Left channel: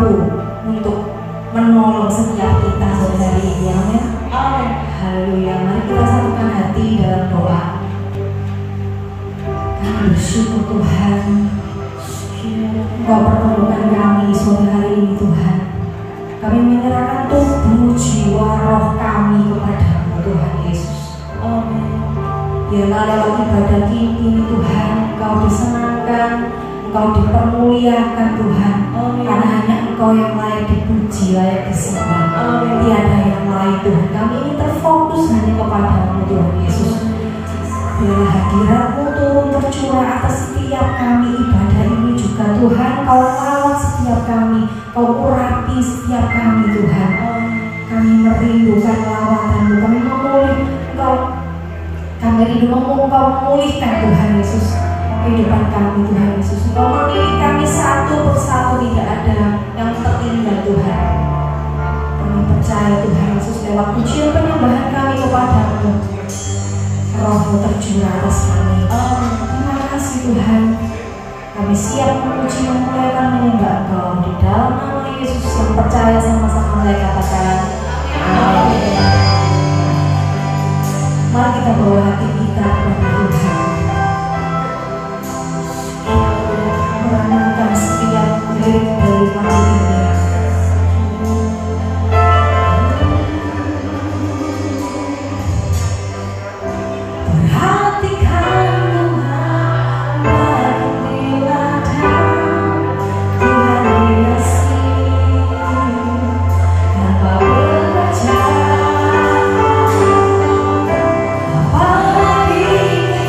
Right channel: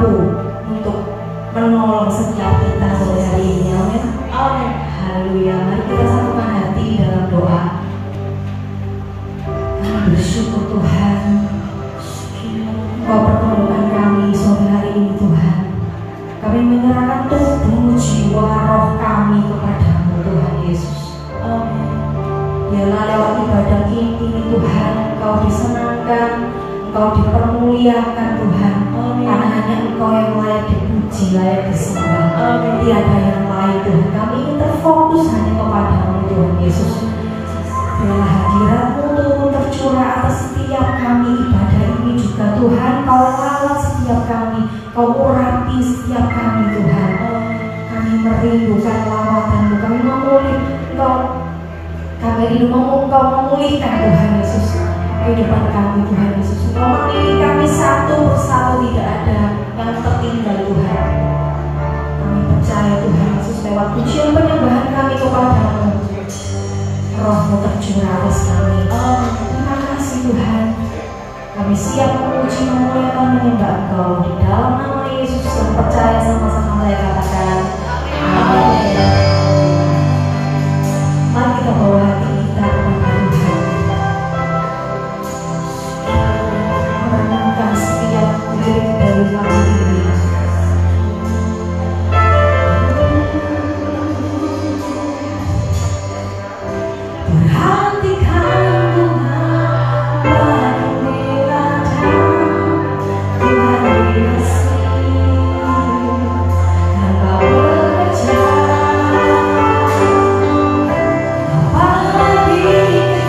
mampu untuk menolong setiap kita sore hari ini. Amin. Haleluya. Mari kita satukan hati dalam doa. Kami bersyukur Tuhan, Engkau pertemukan kami sore hari ini Tuhan. Kami menyerahkan tubuh, jiwa, roh kami kepadamu Tuhan Yesus. Amin. Biarlah lewat ibadah ini Tuhan, Engkau disenangkan, Engkau dipermuliakan Tuhan. Amin. Karena hanya Engkau yang layak dipuji, layak disembah. Tiada yang lain Tuhan. Kami ingin terfokus hanya kepadamu Tuhan Yesus. Biarlah hadirat-Mu turun tercurah atas setiap kami ibadah ini juga Tuhan. Kau rawat setiap kami, Kau urapi setiap kami Tuhan. Kami merindukan lawatan-Mu, kami memulih Engkau. Kami rindu Engkau memulihkan Tuhan Yesus kehidupan kami Tuhan Yesus. Engkau memilih kami satu persatu, tidak ada yang tertinggal Tuhan. Kami percaya Tuhan Yesus lewat pujian penyembahan kami kepadamu, Roh-Mu tercurah atas kami. Terima kasih Tuhan. Kami siap memuji, memuliakan, menyembah Engkau di dalam nama Yesus yang percaya sama-sama saya katakan amin. Mari kita bawa hati kita kepada Tuhan, merenungkan setiap lirik dari lagu ini. Bapa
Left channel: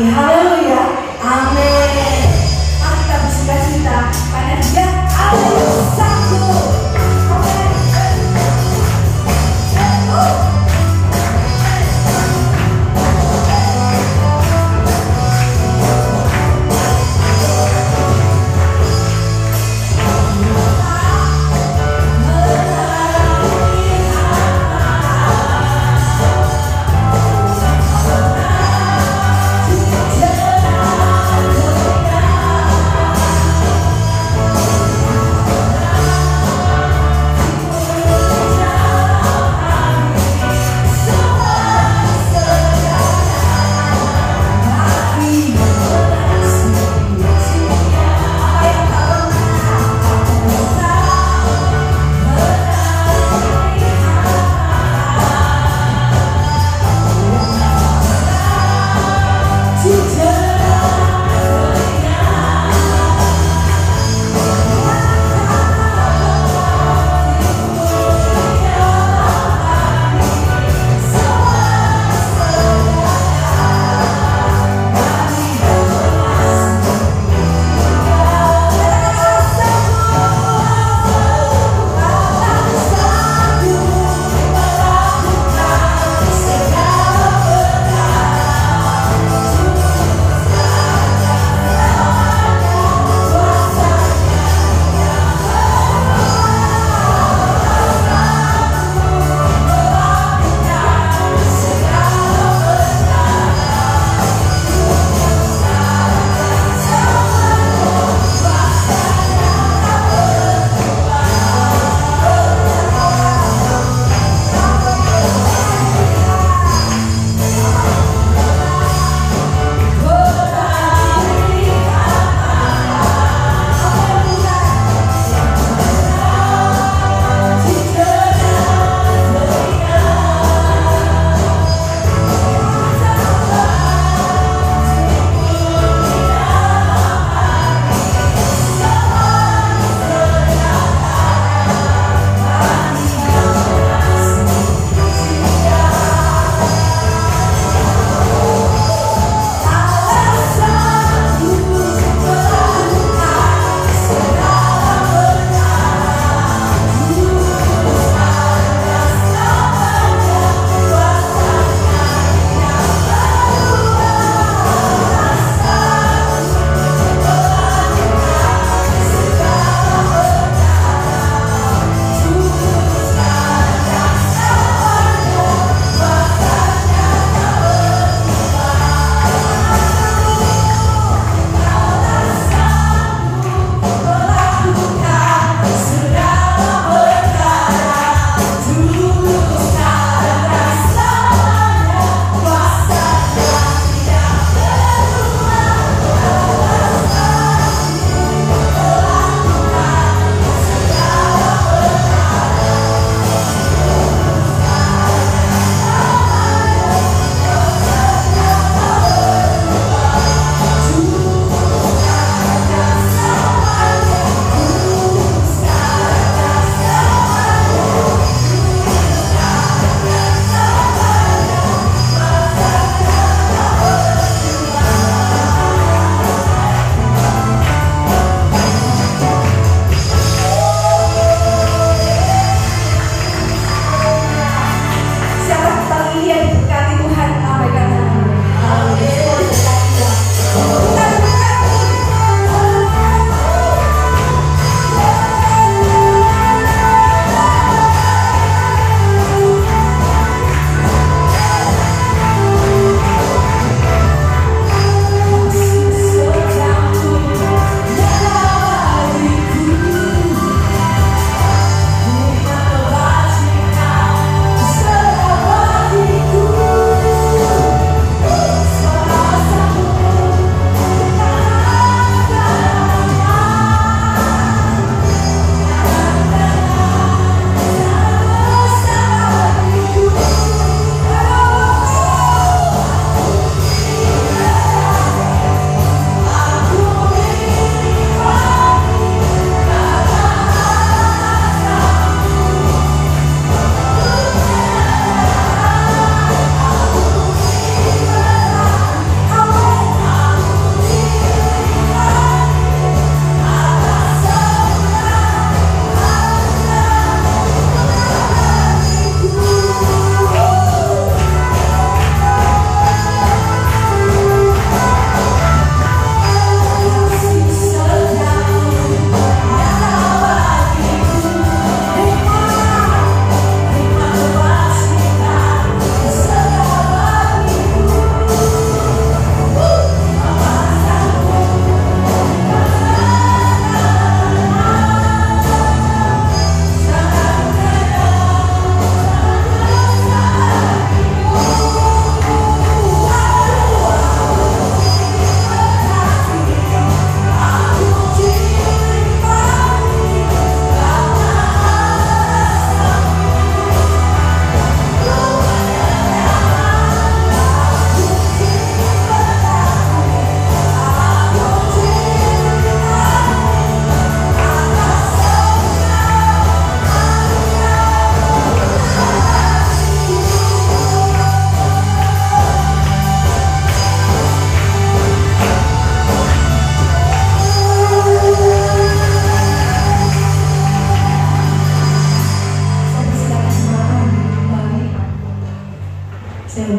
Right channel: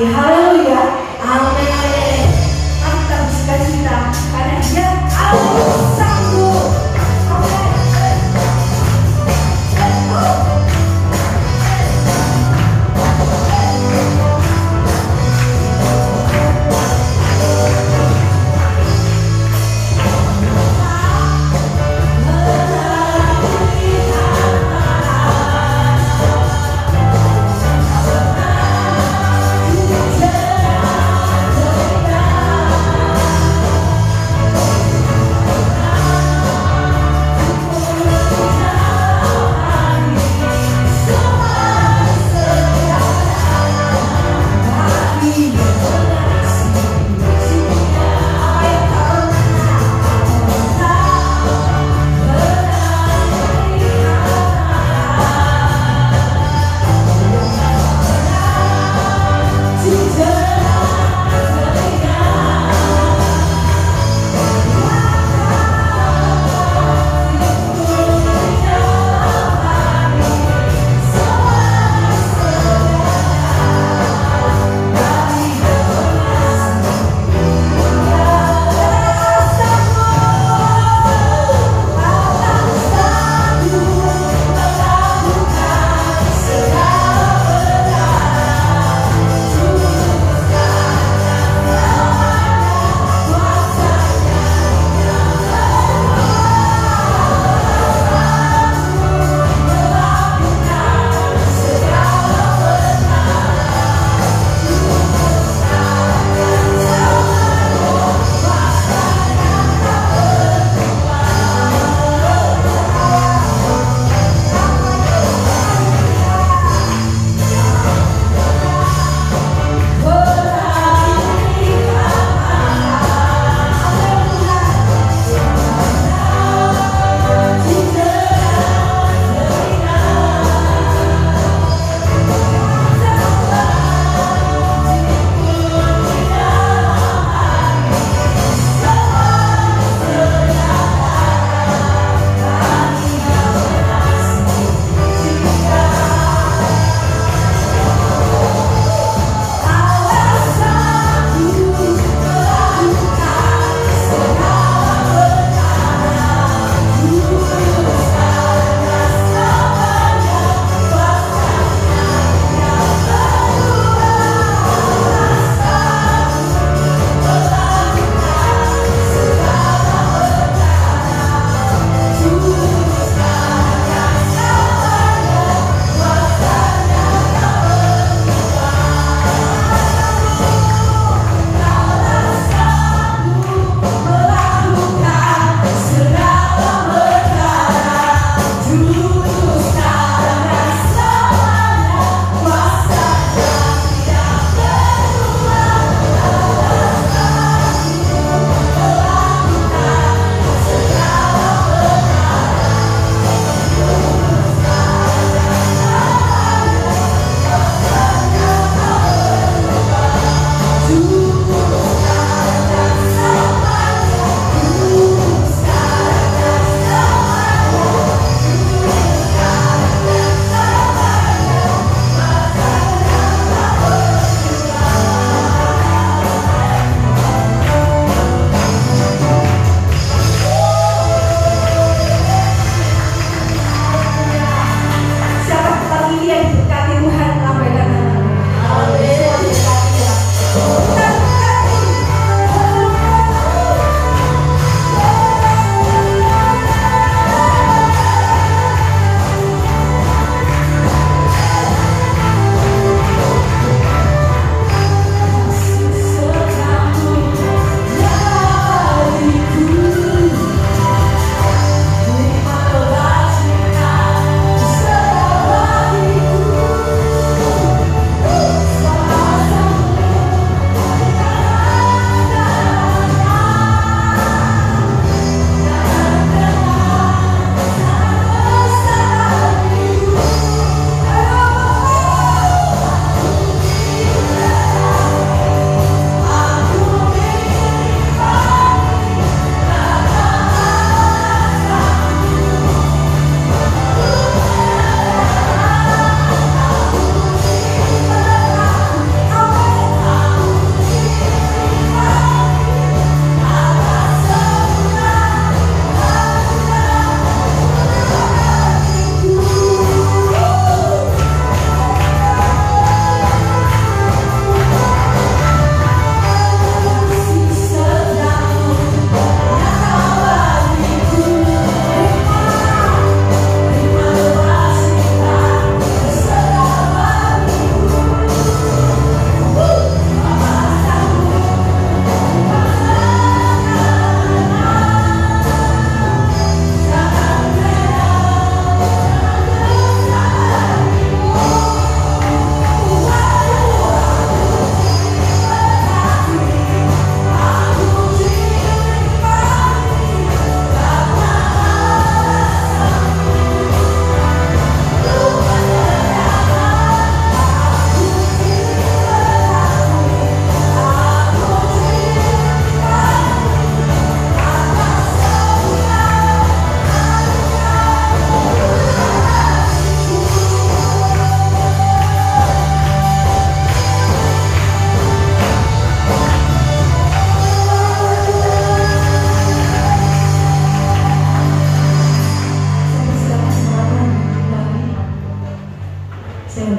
Haleluya. Amin. Mari kita bersuka-cita karena Dia ada yang sanggup. Amin. Yeah.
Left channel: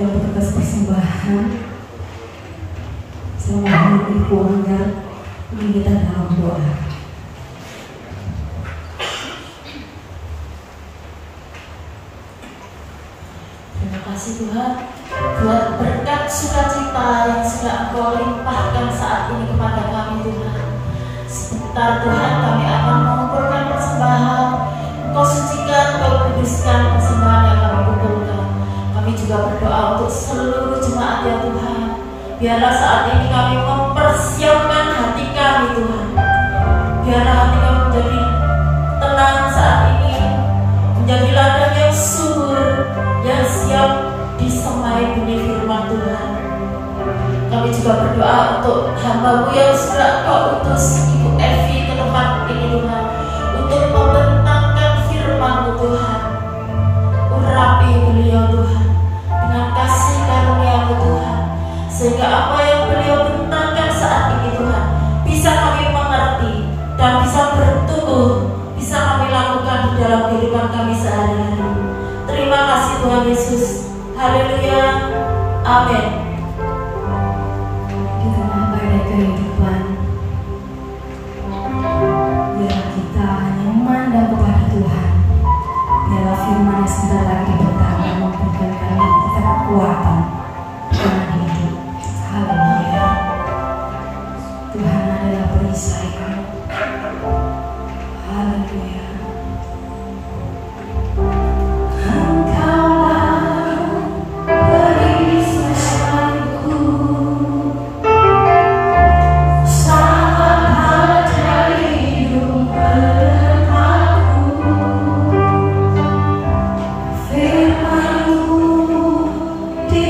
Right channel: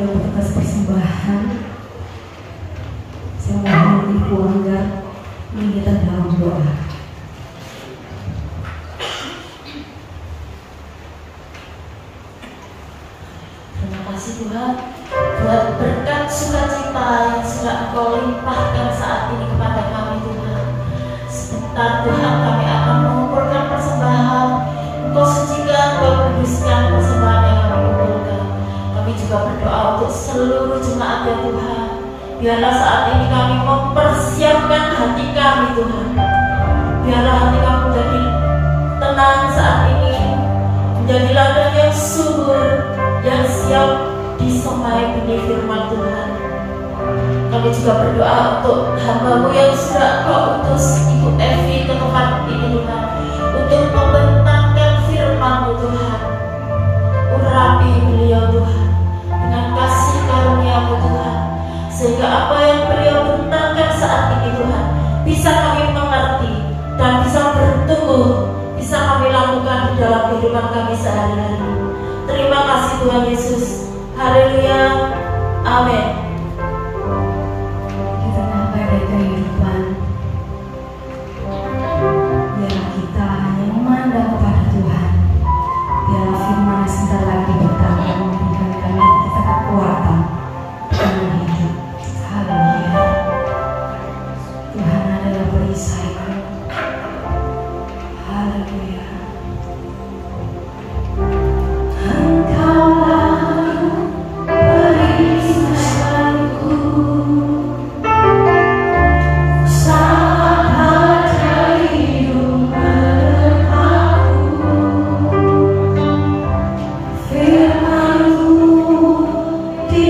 seluruh petugas persembahan, semua yang keluarga, ini kita dalam doa. Terima kasih Tuhan buat berkat sukacita yang sudah Engkau limpahkan saat ini kepada kami Tuhan. Sebentar Tuhan kami akan mengumpulkan persembahan. Engkau sucikan, Engkau kuduskan persembahan yang kami kumpulkan. Kami juga berdoa untuk seluruh jemaat ya Tuhan. Biarlah saat ini kami mempersiapkan hati kami Tuhan. Biarlah hati kami menjadi tenang saat ini, menjadi ladang yang subur, yang siap disemai benih firman Tuhan. Kami juga berdoa untuk hamba-Mu yang sudah Kau utus Ibu Evi ke tempat ini Tuhan, untuk membentangkan firman-Mu Tuhan. Urapi beliau Tuhan dengan kasih karunia-Mu Tuhan, sehingga apa yang beliau bentangkan saat ini Tuhan bisa kami mengerti dan bisa bertumbuh, bisa kami lakukan di dalam kehidupan kami sehari-hari. Terima kasih Tuhan Yesus. Haleluya. Amin. Di tengah badai kehidupan, biarlah kita hanya memandang kepada Tuhan. Biarlah firman yang sebentar lagi dibentangkan memberikan kami kita kekuatan dengan hidup. Haleluya. Tuhan adalah perisaiku. Haleluya. Engkaulah perisaiku, sahabat hidup bersamaku. Firman-Mu di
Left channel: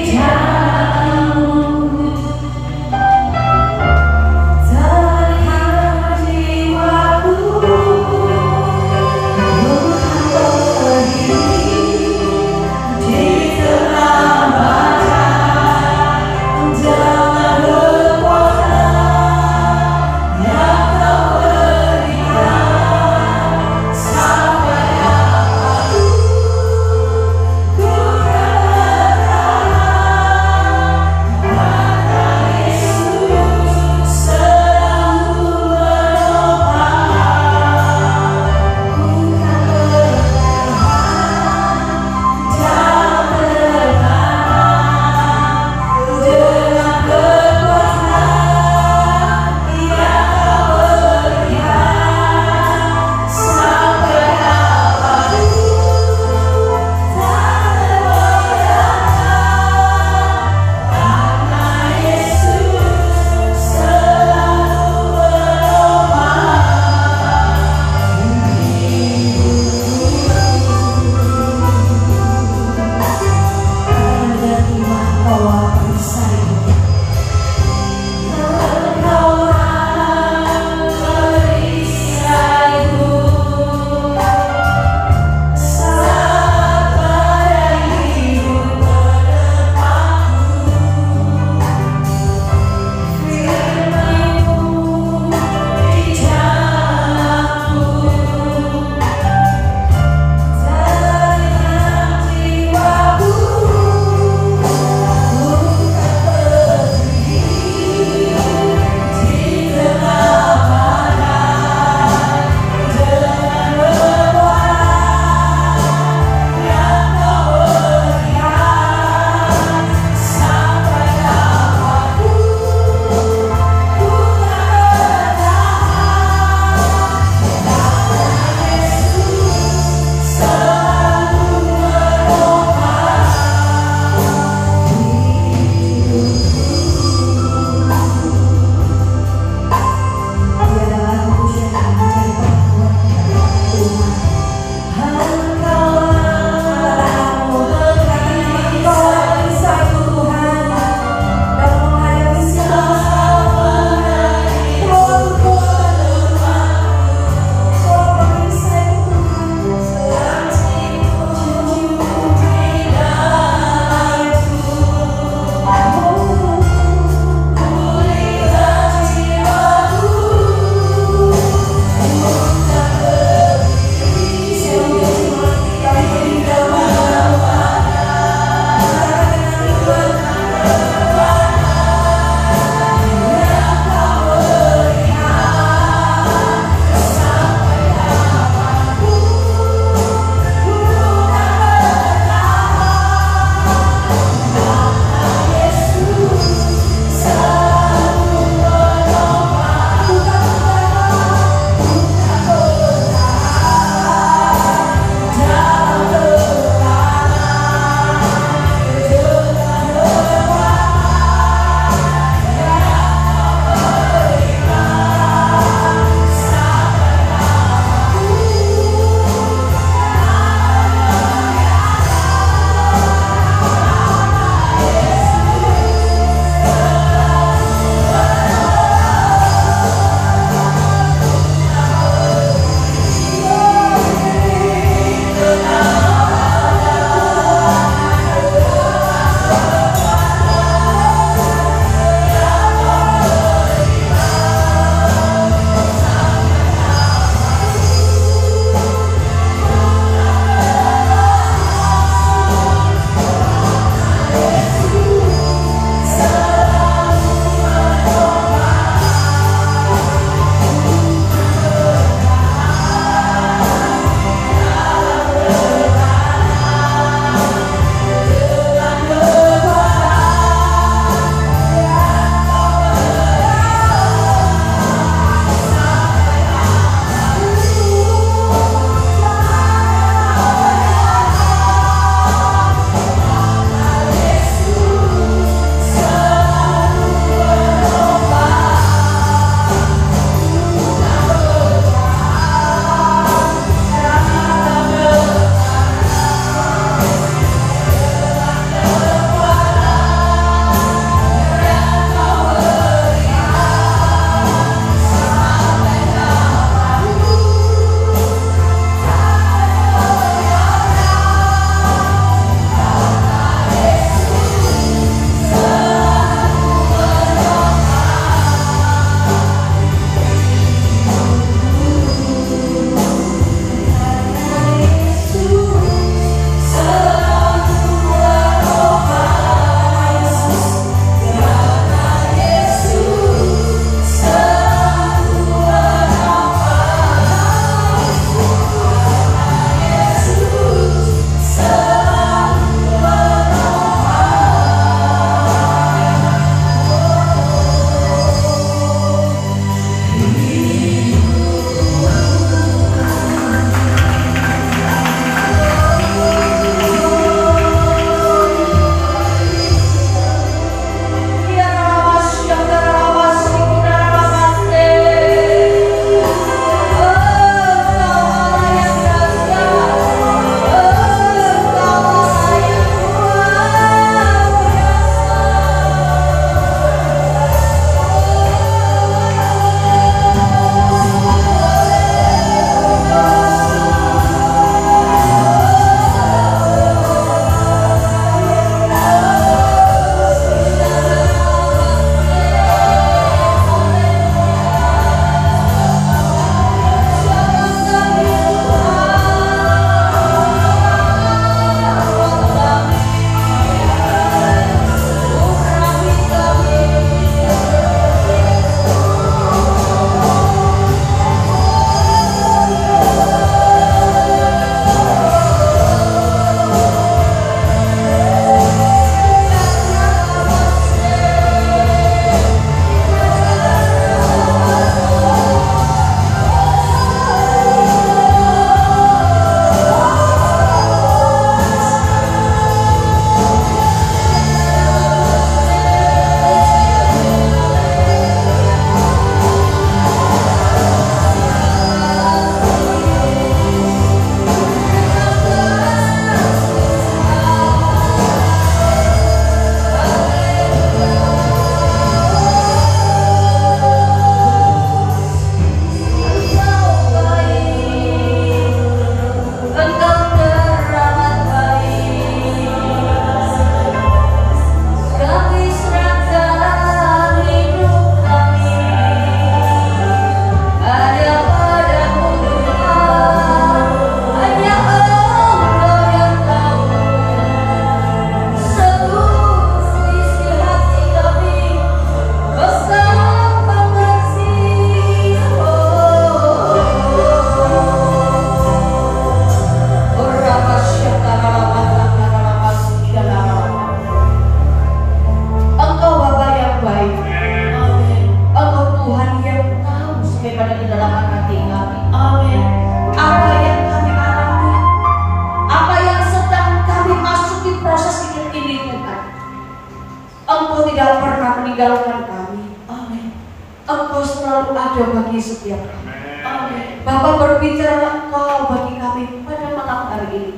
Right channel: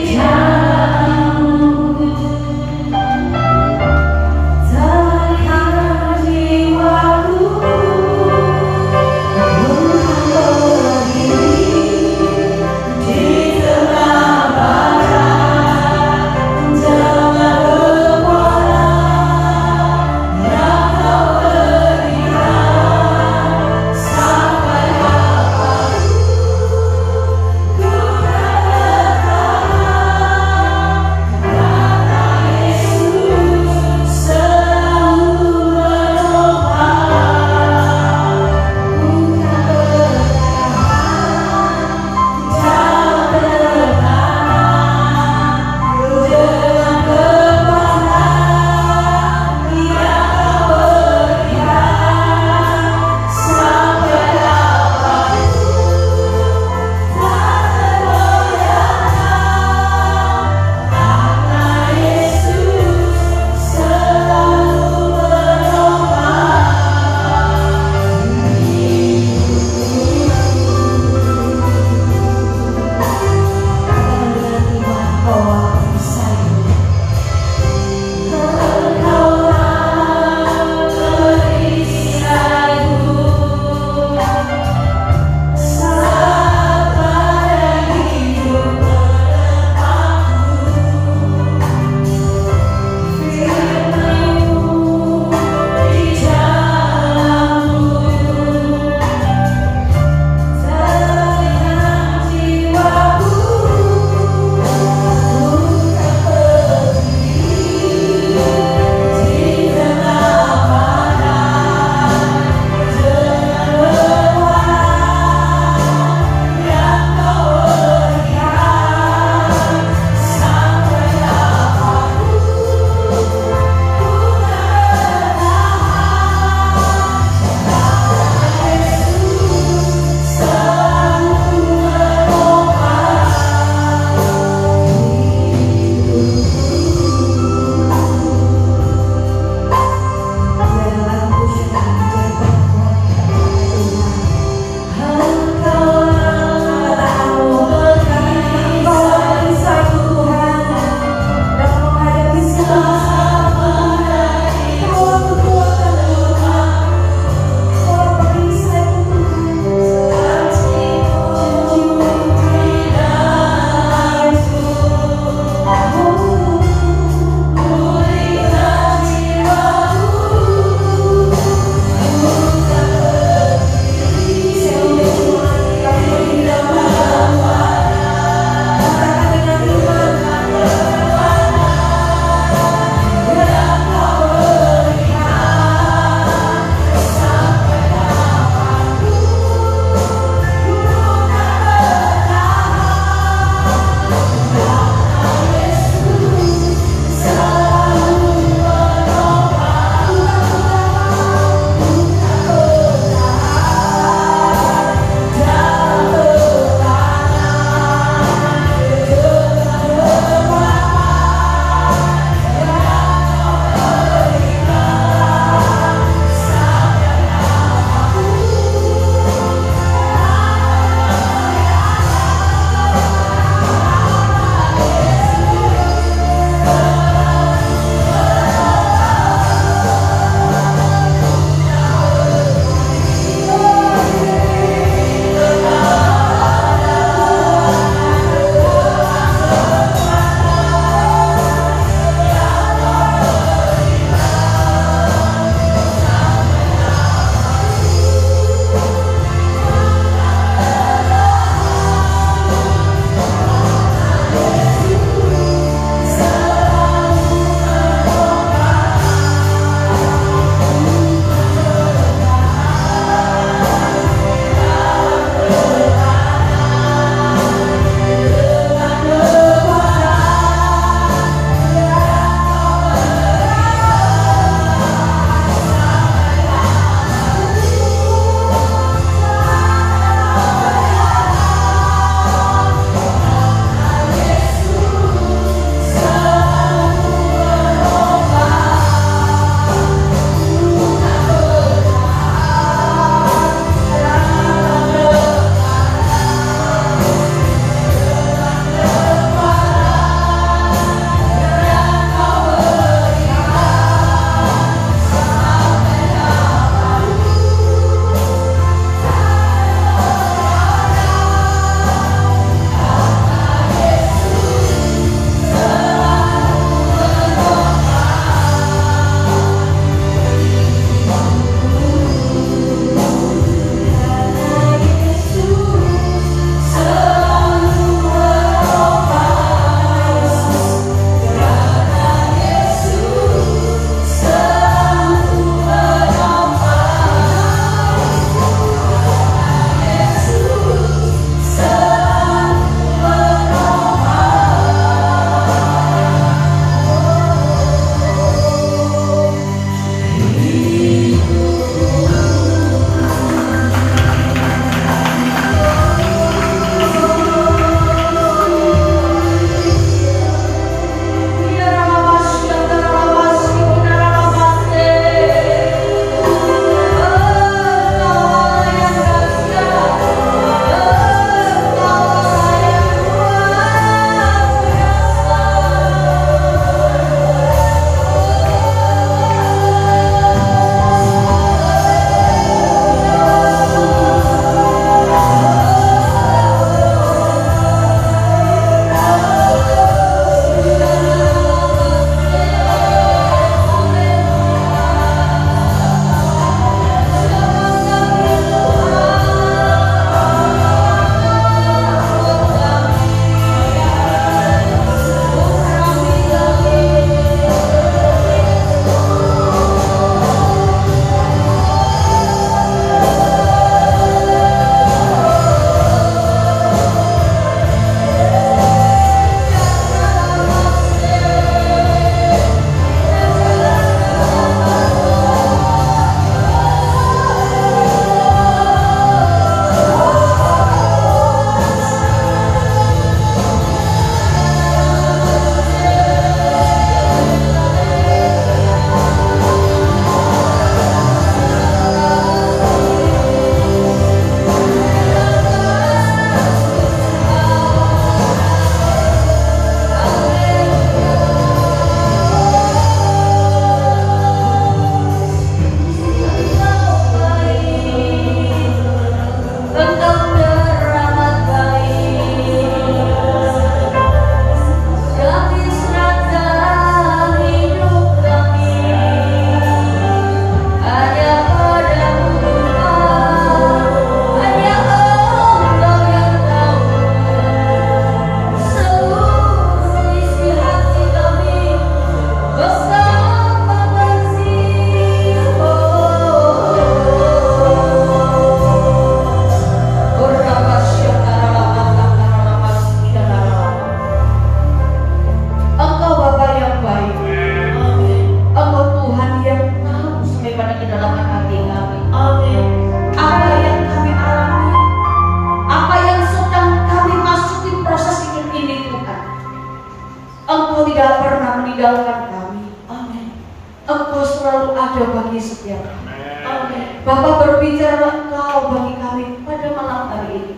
Engkau tidak pernah meninggalkan kami. Amin. Engkau selalu ada bagi setiap kami. Amin. Bapa, berbicara Engkau bagi kami pada malam hari ini.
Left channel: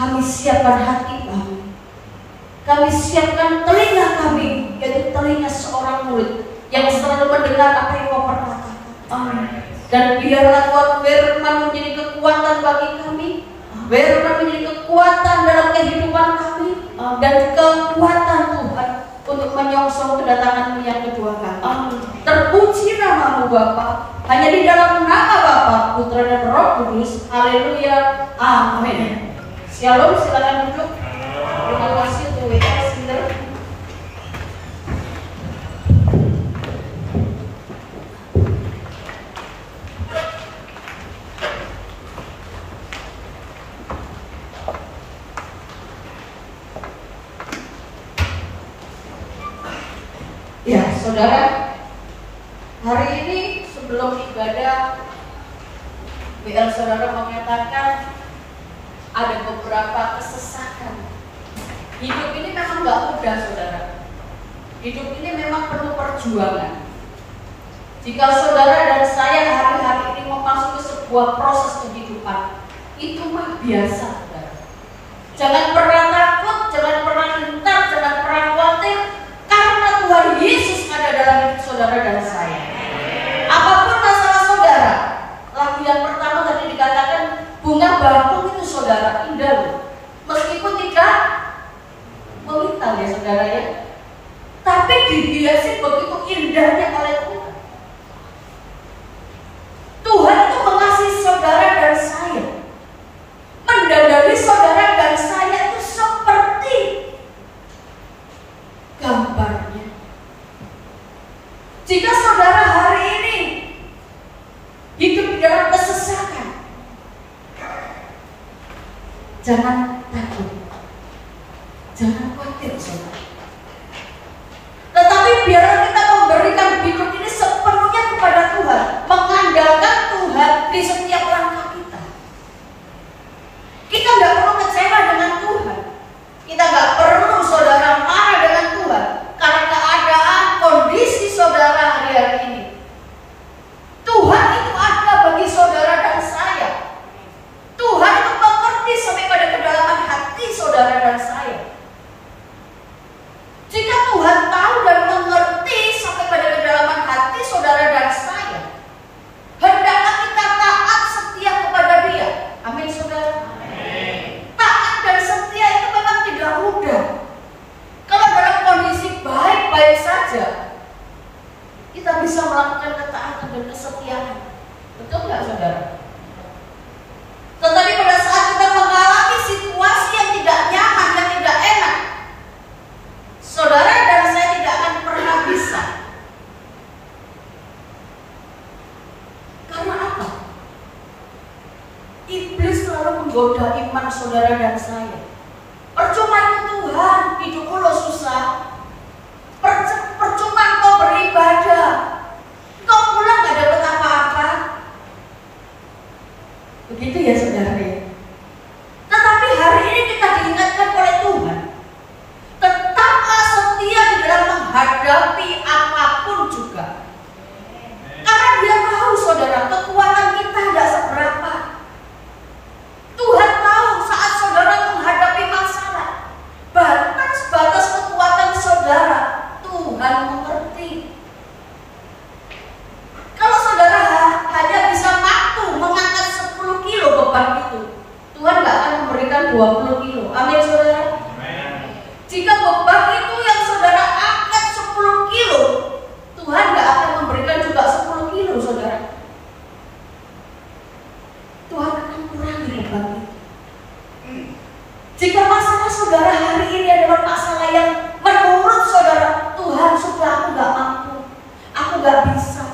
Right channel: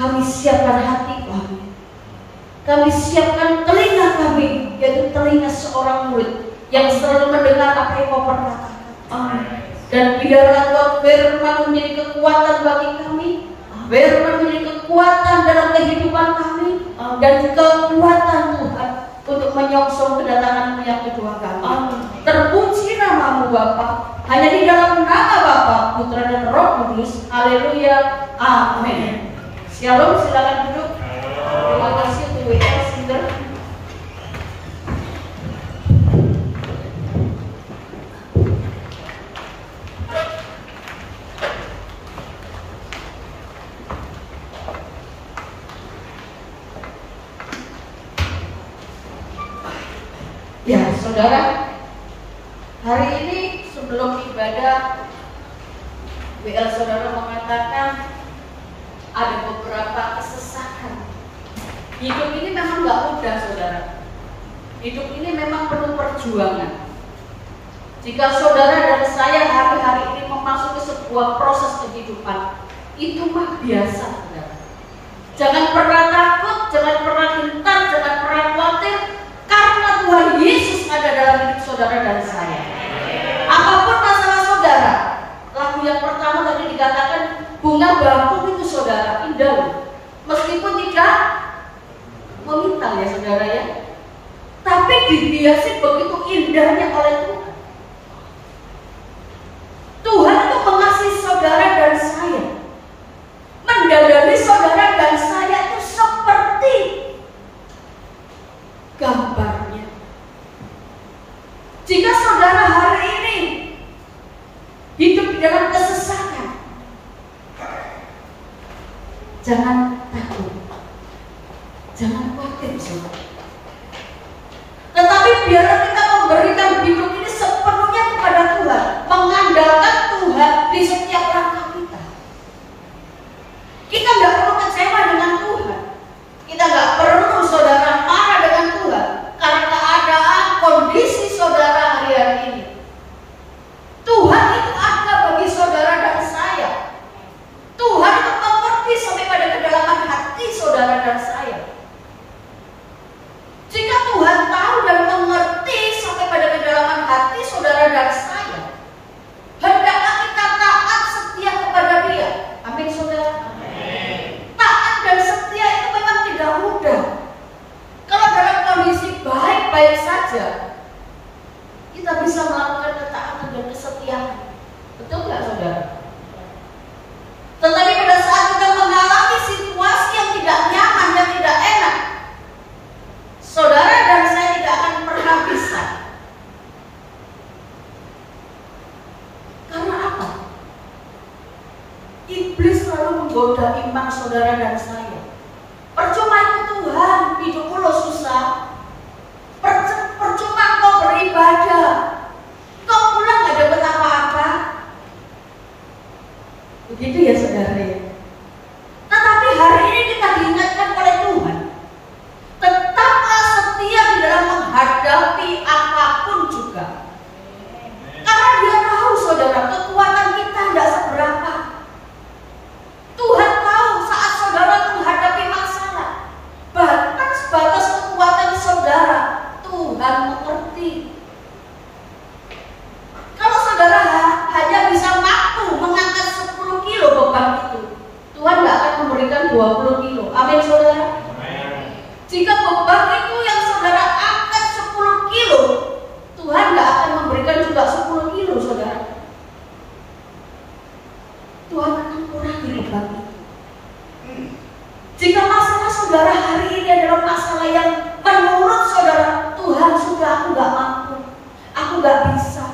Kami siapkan hati kami. Kami siapkan telinga kami, yaitu telinga seorang murid yang selalu mendengar apa yang Kau perkatakan. Amin. Dan biarlah Tuhan firman menjadi kekuatan bagi kami, firman menjadi kekuatan dalam kehidupan kami, dan kekuatan Tuhan untuk menyongsong kedatangan-Mu yang kedua kali. Amin. Terpuji nama-Mu Bapa, hanya di dalam nama Bapa, Putra dan Roh Kudus. Haleluya. Amin. Shalom, silakan duduk. Terima kasih untuk WM Sinder. Ya, saudara, hari ini sebelum ibadah, WL saudara mengatakan ada beberapa kesesakan. Hidup ini memang gak mudah, saudara. Hidup ini memang penuh perjuangan. Jika saudara dan saya hari-hari ini memasuki sebuah proses kehidupan, itu mah biasa, saudara. Jangan pernah takut, jangan pernah gentar, jangan pernah khawatir, karena Tuhan Yesus ada dalam hidup saudara dan saya. Apapun masalah saudara, lagu yang pertama tadi dikatakan bunga bakung itu saudara indah loh. Meskipun tidak memintal ya saudara ya, tapi dihiasi begitu indahnya oleh Tuhan. Tuhan itu mengasihi saudara dan saya, mendadari saudara dan saya itu seperti gambarnya. Jika saudara hari ini hidup di dalam kesesakan, jangan takut, jangan khawatir saudara. Tetapi biarlah kita memberikan hidup ini sepenuhnya kepada Tuhan, mengandalkan Tuhan di setiap langkah kita. Kita nggak perlu kecewa dengan Tuhan. Kita nggak perlu saudara marah dengan Tuhan karena keadaan kondisi saudara hari-hari ini. Tuhan itu ada bagi saudara dan saya. Tuhan itu mengerti sampai pada kedalaman hati saudara dan saya. Jika Tuhan tahu dan mengerti sampai pada kedalaman hati saudara dan saya, hendaklah kita taat setia kepada Dia. Amin saudara. Amin. Taat dan setia itu memang tidak mudah. Kalau dalam kondisi baik-baik saja, kita bisa melakukan ketaatan dan kesetiaan. Betul nggak saudara? Tetapi pada saat kita mengalami situasi yang tidak nyaman, yang tidak enak, saudara dan saya tidak akan pernah bisa. Karena apa? Iblis selalu menggoda iman saudara dan saya. Percuma itu Tuhan, hidupmu lo susah. Percuma kau beribadah, kau pulang gak dapat apa-apa. Begitu ya saudara ya. Tetapi hari ini kita diingatkan oleh Tuhan, tetaplah setia di dalam menghadapi apapun juga. Karena Dia tahu saudara, kekuatan kita tidak seberapa. Tuhan tahu saat saudara menghadapi masalah, bahkan sebatas kekuatan saudara, Tuhan mengerti. Kalau saudara hanya bisa mampu mengangkat 10 kilo beban itu, Tuhan gak akan memberikan 20 kilo. Amin saudara. Amin. Jika beban itu yang saudara angkat 10 kilo, Tuhan gak akan memberikan juga 10 kilo saudara. Tuhan akan kurangi beban itu. Jika masalah saudara hari ini adalah masalah yang menurut saudara, Tuhan sudah aku gak mampu, aku gak bisa,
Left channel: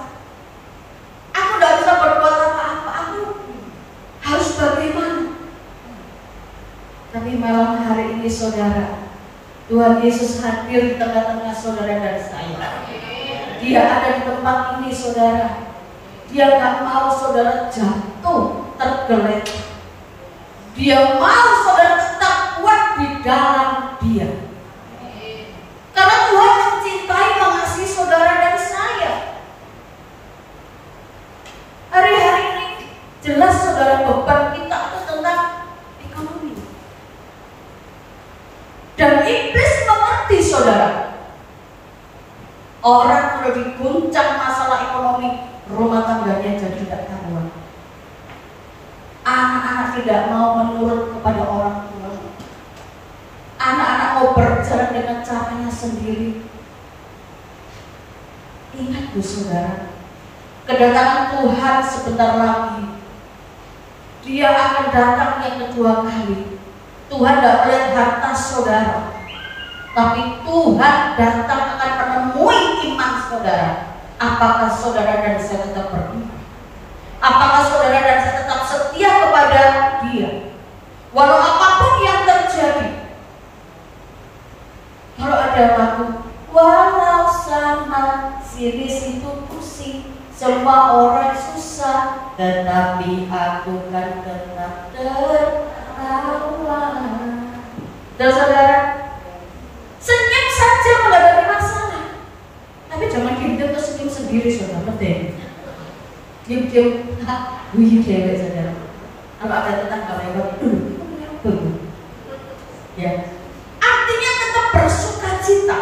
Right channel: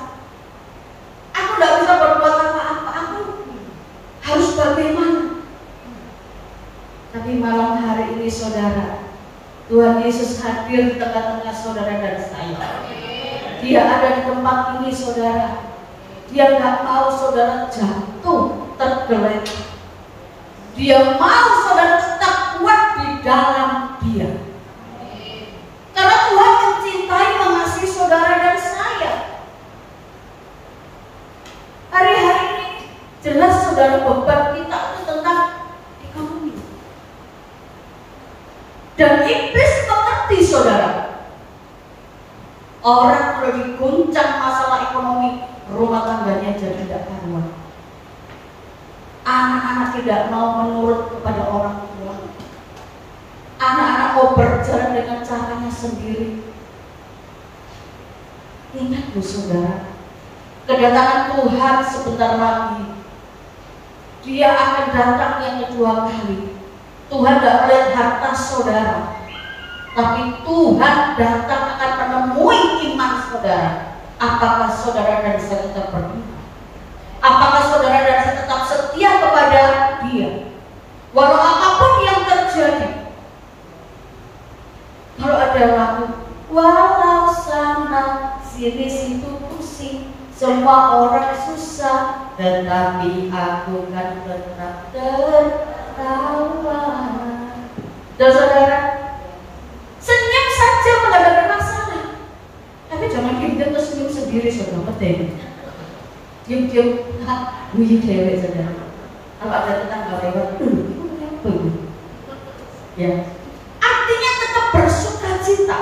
aku gak bisa berbuat apa-apa, aku harus bagaimana? Tapi malam hari ini saudara, Tuhan Yesus hadir di tengah-tengah saudara dan saya. Dia ada di tempat ini saudara. Dia gak mau saudara jatuh tergeletak. Dia mau saudara tetap kuat di dalam Dia. Orang kalau diguncang masalah ekonomi, rumah tangganya jadi tidak karuan. Anak-anak tidak mau menurut kepada orang tua. Anak-anak mau berjalan dengan caranya sendiri. Ingat Bu Saudara, kedatangan Tuhan sebentar lagi. Dia akan datang yang kedua kali. Tuhan tidak melihat harta saudara, tapi Tuhan datang akan menemui iman saudara. Apakah saudara dan saya tetap beriman? Apakah saudara dan saya tetap setia kepada Dia? Walau apapun yang terjadi. Kalau ada lagu, walau sana sini situ pusing, semua orang susah, tetapi aku kan tetap tertawa. Dan saudara, senyum saja menghadapi masalah. Tapi jangan diam terus senyum sendiri, saudara. Betul. Diam-diam, guyu dewe, saudara. Kalau ada tetangga lewat, ya. Artinya tetap bersuka cita.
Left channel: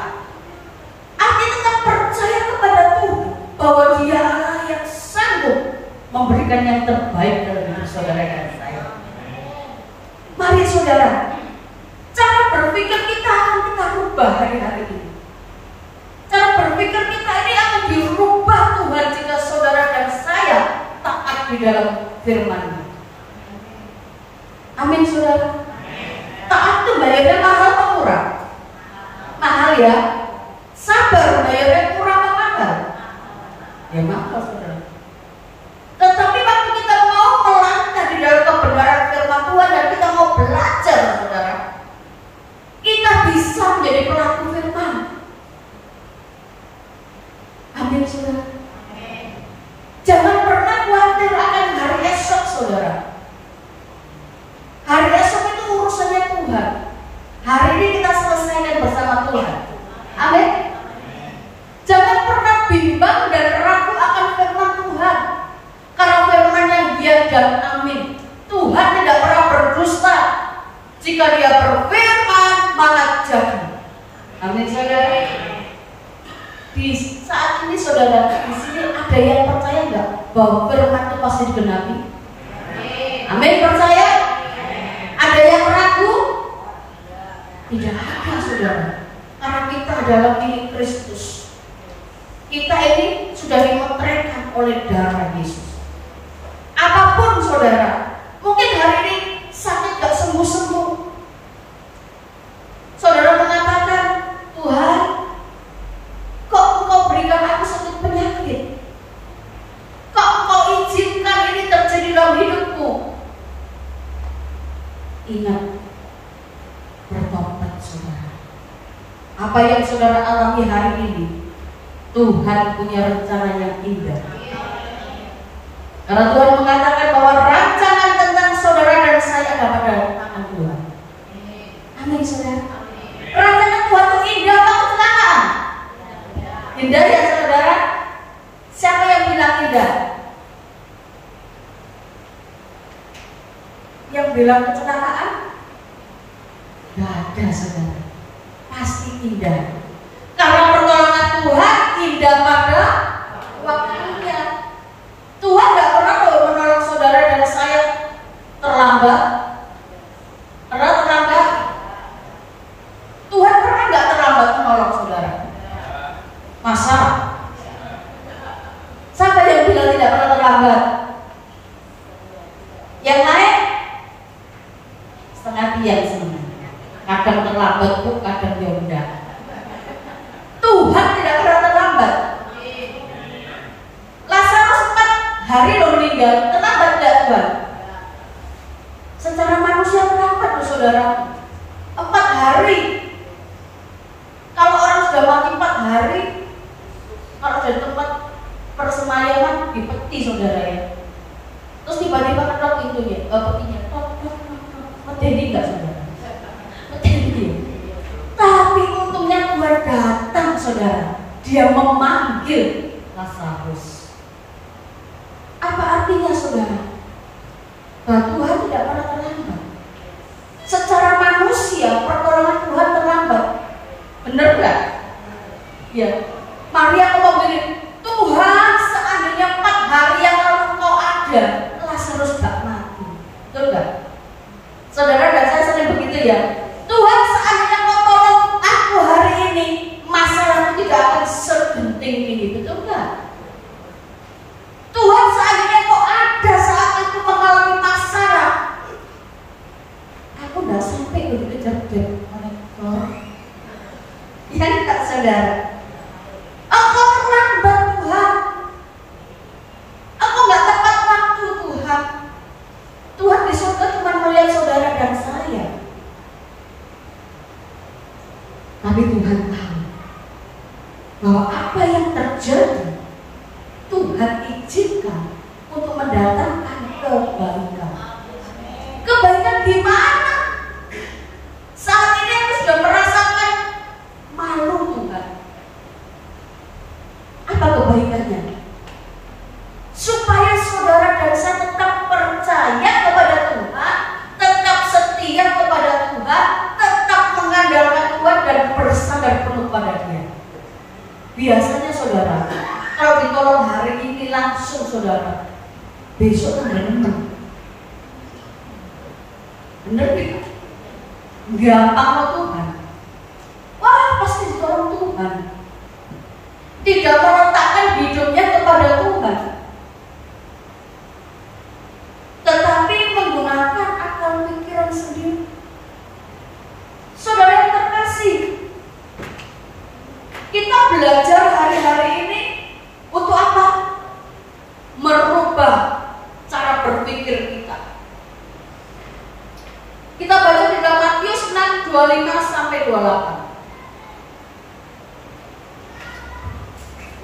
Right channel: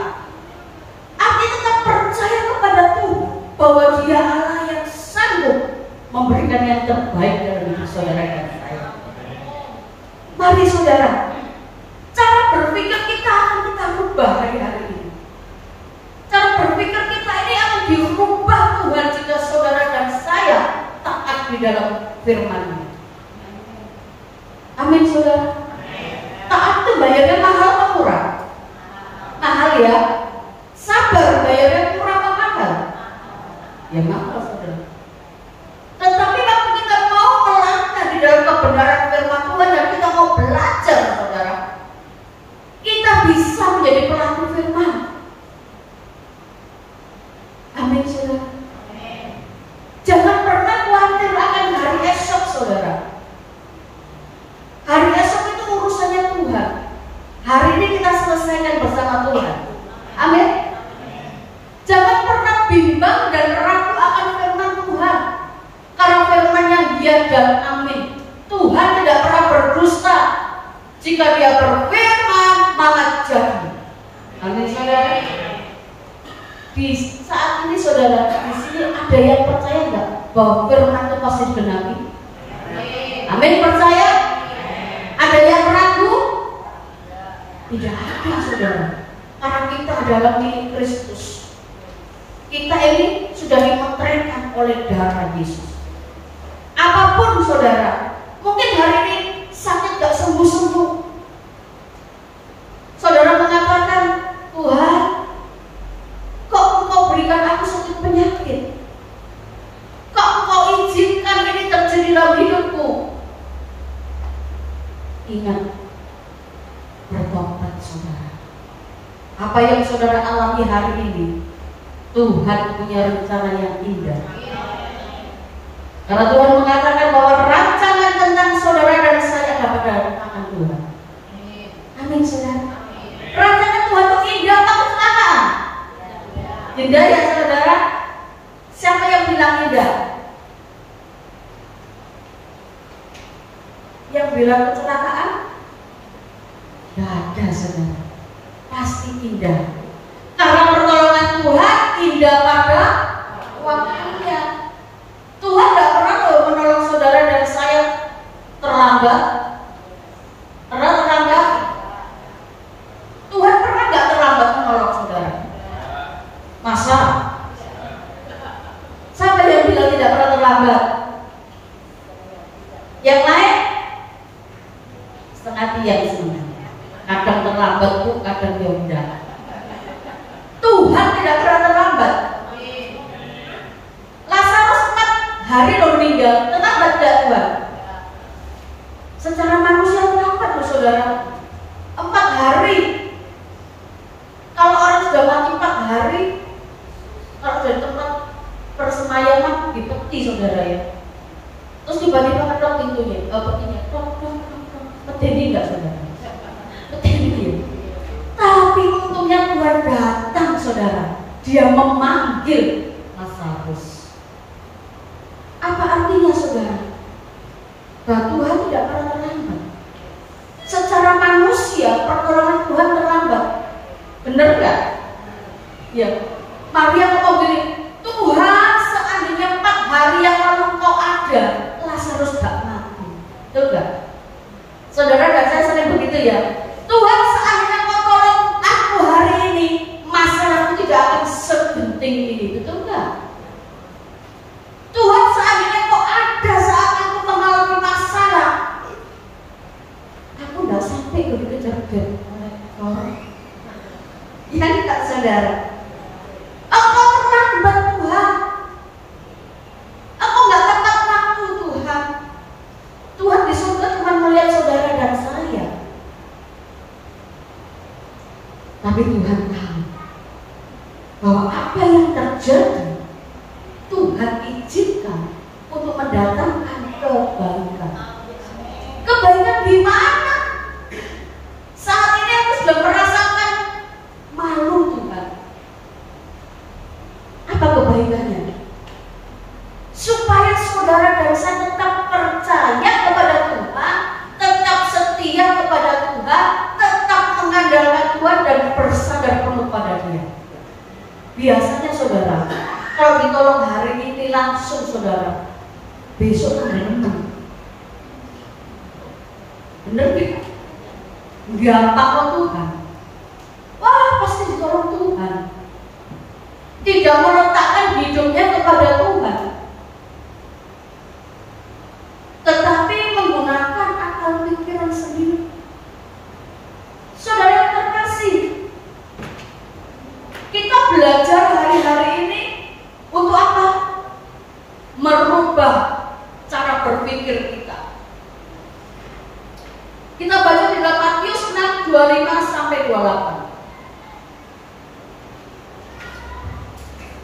Artinya tetap percaya kepada Tuhan bahwa Dia Allah yang sanggup memberikan yang terbaik dalam hidup saudara dan saya. Mari saudara, cara berpikir kita akan kita rubah hari-hari ini. Cara berpikir kita ini akan dirubah Tuhan jika saudara dan saya taat di dalam firman-Nya. Amin saudara. Taat itu bayarnya mahal atau murah? Mahal ya. Sabar bayarnya murah atau mahal? Ya mahal saudara. Tetapi waktu kita mau melangkah di dalam kebenaran firman Tuhan dan kita mau belajar saudara, kita bisa menjadi pelaku firman. Amin saudara. Jangan pernah khawatir akan hari esok saudara. Hari esok itu urusannya Tuhan. Hari ini kita selesaikan bersama Tuhan. Amin. Jangan pernah bimbang dan ragu akan firman Tuhan, karena firman-Nya ya dan amin. Tuhan tidak pernah berdusta. Jika Dia berfirman, maka jadi. Amin saudara. Di saat ini saudara, di sini ada yang percaya nggak bahwa firman itu pasti digenapi? Amin, percaya? Ada yang ragu? Tidak ada saudara. Karena kita adalah milik Kristus. Kita ini sudah dimetrekan oleh darah Yesus. Apapun saudara, mungkin hari ini sakit gak sembuh-sembuh. Saudara mengatakan, Tuhan, kok Engkau berikan aku sakit penyakit? Kok Engkau izinkan ini terjadi dalam hidupku? Ingat, bertobat saudara. Apa yang saudara alami hari ini, Tuhan punya rencana yang indah. Karena Tuhan mengatakan bahwa rancangan tentang saudara dan saya ada pada tangan Tuhan. Amin saudara. Rancangan Tuhan itu indah apa kecelakaan? Indah ya saudara. Siapa yang bilang indah? Yang bilang kecelakaan? Gak ada saudara. Pasti indah. Karena pertolongan Tuhan indah pada waktunya. Tuhan gak pernah menolong saudara dan saya terlambat. Pernah terlambat? Tuhan pernah gak terlambat menolong saudara? Masa? Siapa yang bilang tidak pernah terlambat? Yang naik setengah tiang sebenarnya. Kadang terlambat tuh, kadang dia udah. Tuhan tidak pernah terlambat. Lazarus 4 hari lo meninggal, terlambat gak Tuhan? Secara manusia terlambat loh saudara. 4 hari. Kalau orang sudah mati 4 hari, kalau dari tempat persemayaman di peti saudara ya, terus tiba-tiba ketok pintunya, petinya, medeni nggak saudara? Medeni. Tapi untungnya Tuhan datang saudara, Dia memanggil Lazarus. Apa artinya saudara? Bahwa Tuhan tidak pernah terlambat. Secara manusia pertolongan Tuhan terlambat, benar nggak? Ya. Maria ya. Tuhan, seandainya kau tolong aku hari ini, masalahku tidak akan segenting ini, betul nggak? Tuhan, seandainya kau ada saat aku mengalami masalah, aku nggak sampai dikejar-kejar oleh orang. Iya enggak, saudara? Engkau pernah membantu Tuhan. Aku nggak tepat waktu, Tuhan. Tuhan di surga cuma melihat saudara dan saya. Tapi Tuhan tahu bahwa apa yang terjadi Tuhan izinkan untuk mendatangkan kebaikan. Kebaikan di mana? Saat ini aku sudah merasakan malu, Tuhan. Apa kebaikannya? Supaya saudara dan saya tetap percaya kepada Tuhan, tetap setia kepada Tuhan, tetap mengandalkan Tuhan dan bersandar penuh pada Dia. Biasanya saudara, kalau ditolong hari ini langsung saudara, besok tanggal 6. Bener tidak? Gampang loh Tuhan. Wah, pasti ditolong Tuhan. Tidak meletakkan hidupnya kepada Tuhan, tetapi menggunakan akal pikiran sendiri. Saudara yang terkasih, kita belajar hari-hari ini untuk apa? Merubah cara berpikir kita. Kita baca di dalam Matius 6, 25 sampai 28.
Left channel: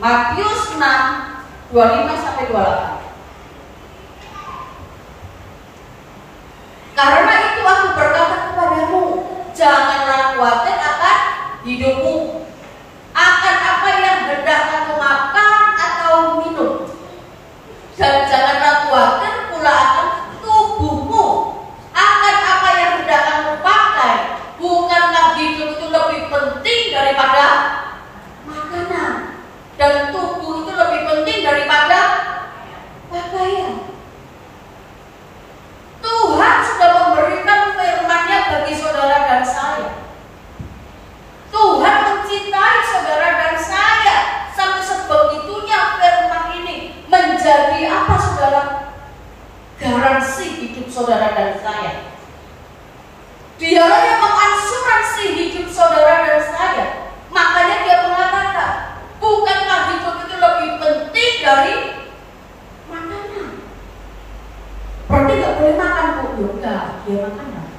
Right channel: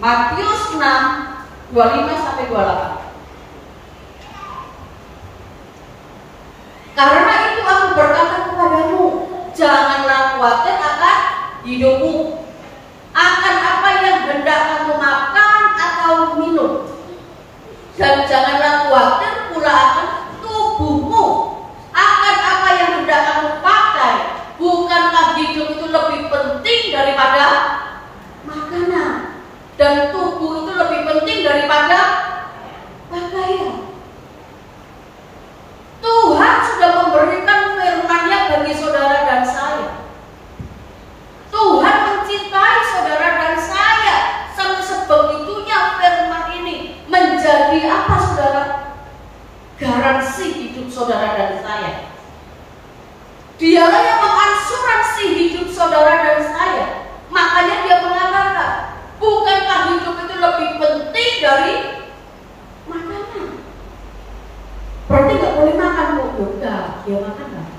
Matius 6, 25 sampai 28. Karena itu aku berkata kepadamu, janganlah khawatir akan hidupmu, akan apa yang hendak kamu makan atau minum, dan janganlah khawatir pula akan tubuhmu, akan apa yang hendak kamu pakai. Bukankah hidup itu lebih penting daripada makanan, dan tubuh itu lebih penting daripada pakaian? Tuhan sudah memberikan firman-Nya bagi saudara dan saya. Tuhan mencintai saudara dan saya sampai sebegitunya firman ini menjadi apa saudara? Garansi hidup saudara dan saya. Dialah yang mengasuransi hidup saudara dan saya. Makanya dia mengatakan, bukankah hidup itu lebih penting dari makanan? Berarti nggak boleh makan, Bu? Enggak, dia makan apa?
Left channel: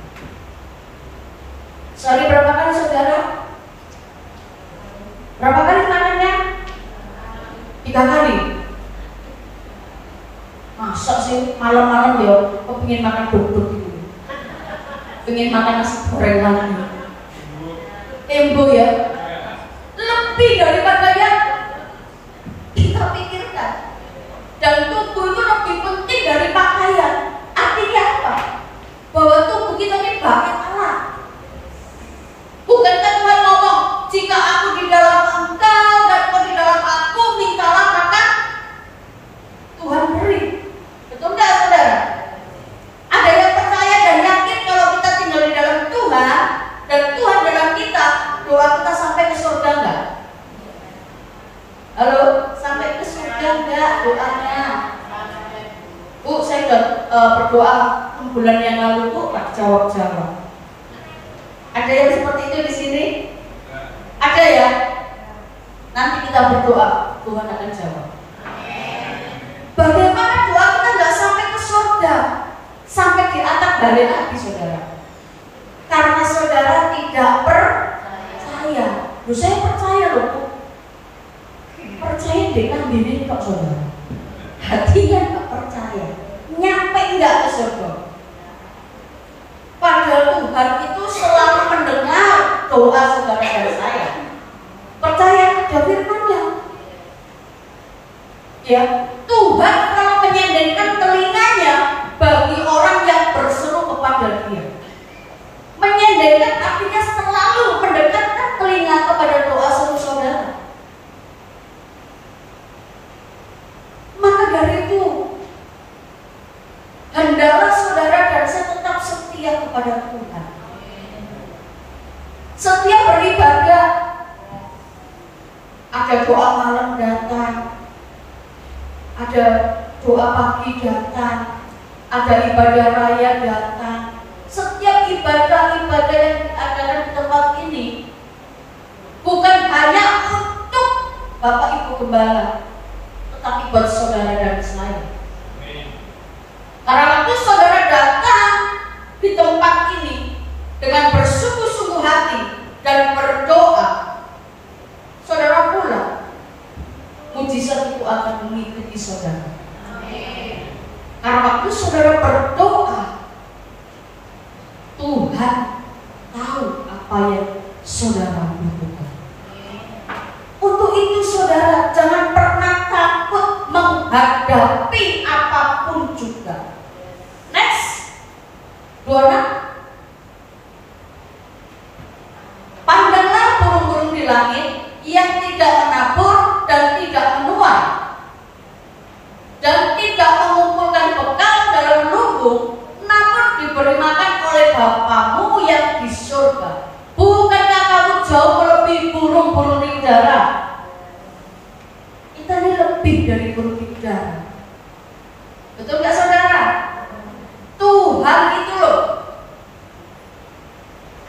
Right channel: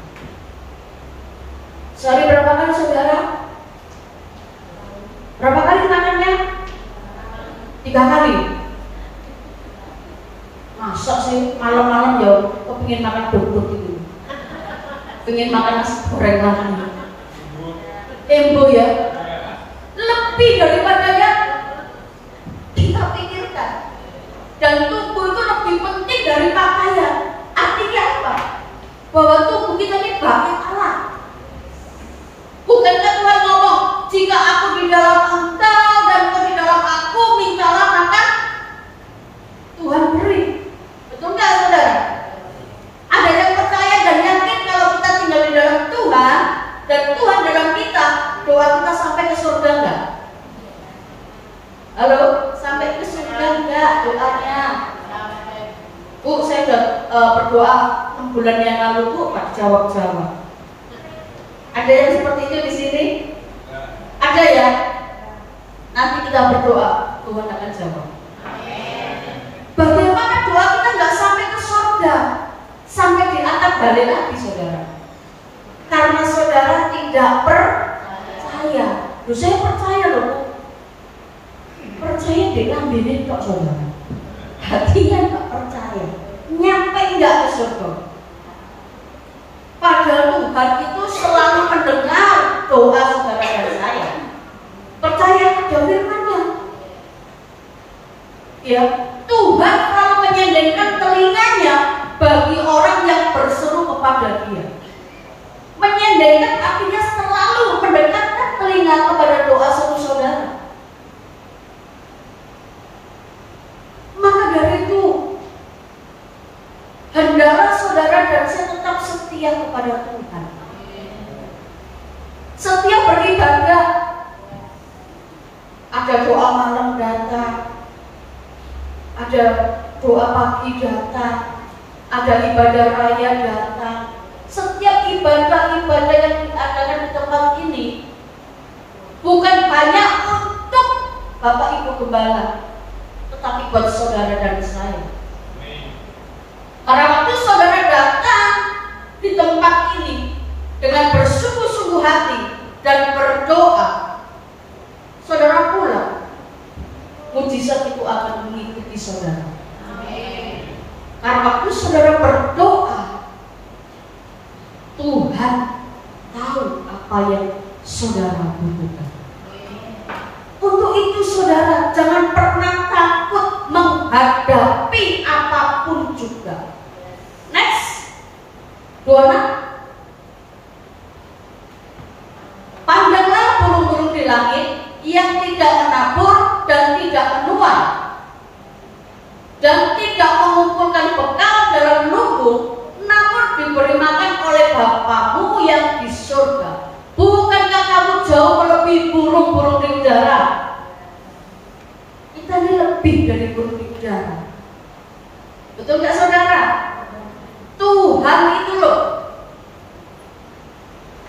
Sehari berapa kali saudara? Berapa kali makannya? 3 kali. Masa sih malam-malam ya kepingin makan duduk itu, pengen makan nasi goreng lagi, tembo ya, lebih daripada yang kita pikirkan. Dan tubuh itu lebih penting dari pakaian. Artinya apa? Bahwa tubuh kita ini bait Allah. Bukankah Tuhan ngomong, jika aku di dalam engkau dan kau di dalam aku, mintalah maka Tuhan beri. Betul nggak saudara? Ada yang percaya dan yakin kalau kita tinggal di dalam Tuhan dan Tuhan dalam kita, doa kita sampai ke surga enggak? Halo, sampai ke surga enggak doanya? Bu, saya sudah berdoa 6 bulan yang lalu, Bu, tak jawab-jawab. Ada yang seperti itu di sini? Ada ya? Nanti kita berdoa, Tuhan akan jawab. Bagaimana doa kita nggak sampai ke surga, sampai di atap balik lagi saudara? Karena saudara tidak percaya. Loh, saya percaya loh, Bu. Percaya di lambene tok saudara. Hatinya nggak percaya, nyampe nggak ke surga. Padahal Tuhan itu selalu mendengar doa saudara dan saya. Percaya pada firman-Nya. Ya, Tuhan selalu menyendengkan telinganya bagi orang yang berseru kepada Dia. Menyendengkan artinya selalu mendekatkan telinga kepada doa satu saudara. Maka dari itu, hendaklah saudara dan saya tetap setia kepada Tuhan. ada doa malam datang, ada doa pagi datang, ada ibadah raya datang. Setiap ibadah-ibadah yang diadakan di tempat ini bukan hanya untuk Bapak Ibu Gembala, tetapi buat saudara dan saya. Karena waktu saudara datang di tempat ini dengan bersungguh-sungguh hati dan berdoa, saudara pulang, mujizat itu akan mengikuti saudara. Karena waktu saudara berdoa, Tuhan tahu apa yang saudara butuhkan. Untuk itu saudara jangan pernah takut menghadapi apapun juga. Next, 26. Pandanglah burung-burung di langit yang tidak menabur dan tidak menuai dan tidak mengumpulkan bekal dalam lumbung, namun diberi makan oleh Bapamu yang di surga. Bukankah kamu jauh melebihi burung-burung di udara? Kita ini lebih dari burung di udara. Betul nggak saudara? Tuhan itu loh.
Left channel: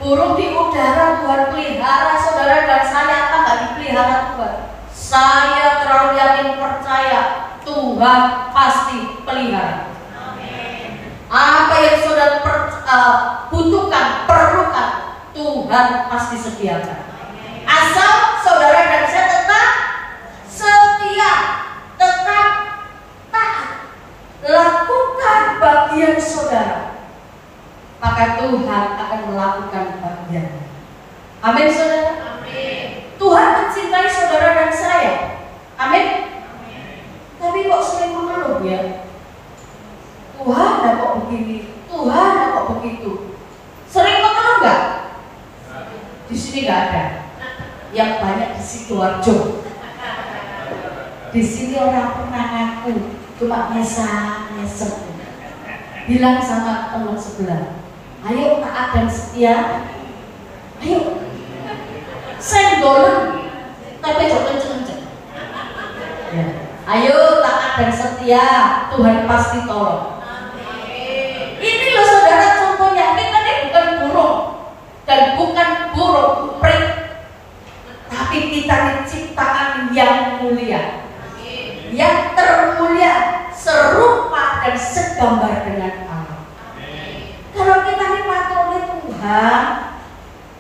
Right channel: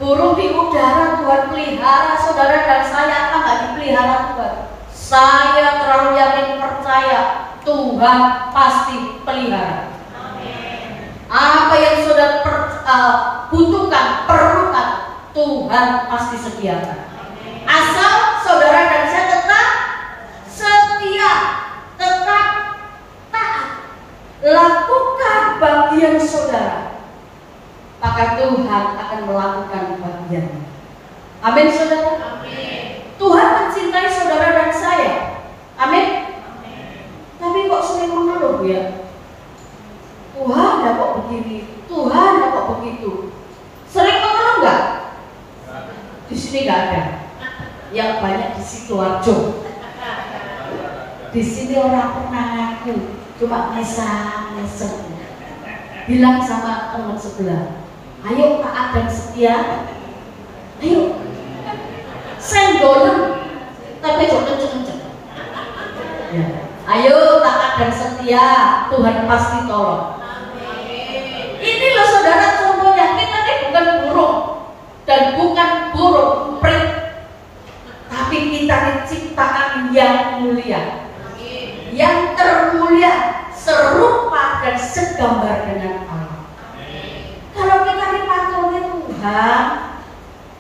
Burung di udara Tuhan pelihara, saudara dan saya apa nggak dipelihara Tuhan? Saya terlalu yakin percaya Tuhan pasti pelihara. Apa yang saudara butuhkan, perlukan, Tuhan pasti sediakan. Asal saudara dan saya tetap setia, tetap taat, lakukan bagian saudara, maka Tuhan akan melakukan bagiannya. Amin saudara. Amin. Tuhan mencintai saudara dan saya. Amin. Tapi kok sering mengeluh ya? Tuhan kok begini, Tuhan kok begitu. Sering mengeluh nggak? Di sini nggak ada. Yang banyak di Sidoarjo. Di sini orang pernah ngaku, cuma bisa ngesek. Bilang sama teman sebelah, ayo taat dan setia, ayo sendolan, tapi jangan kenceng-kenceng. Ya. Ayo taat dan setia, Tuhan pasti tolong. Ini loh saudara contohnya, kita ini bukan burung dan bukan burung emprit, tapi kita ini ciptaan yang mulia, yang termulia, serupa dan segambar dengan Allah. Kalau kita ini patungnya Tuhan,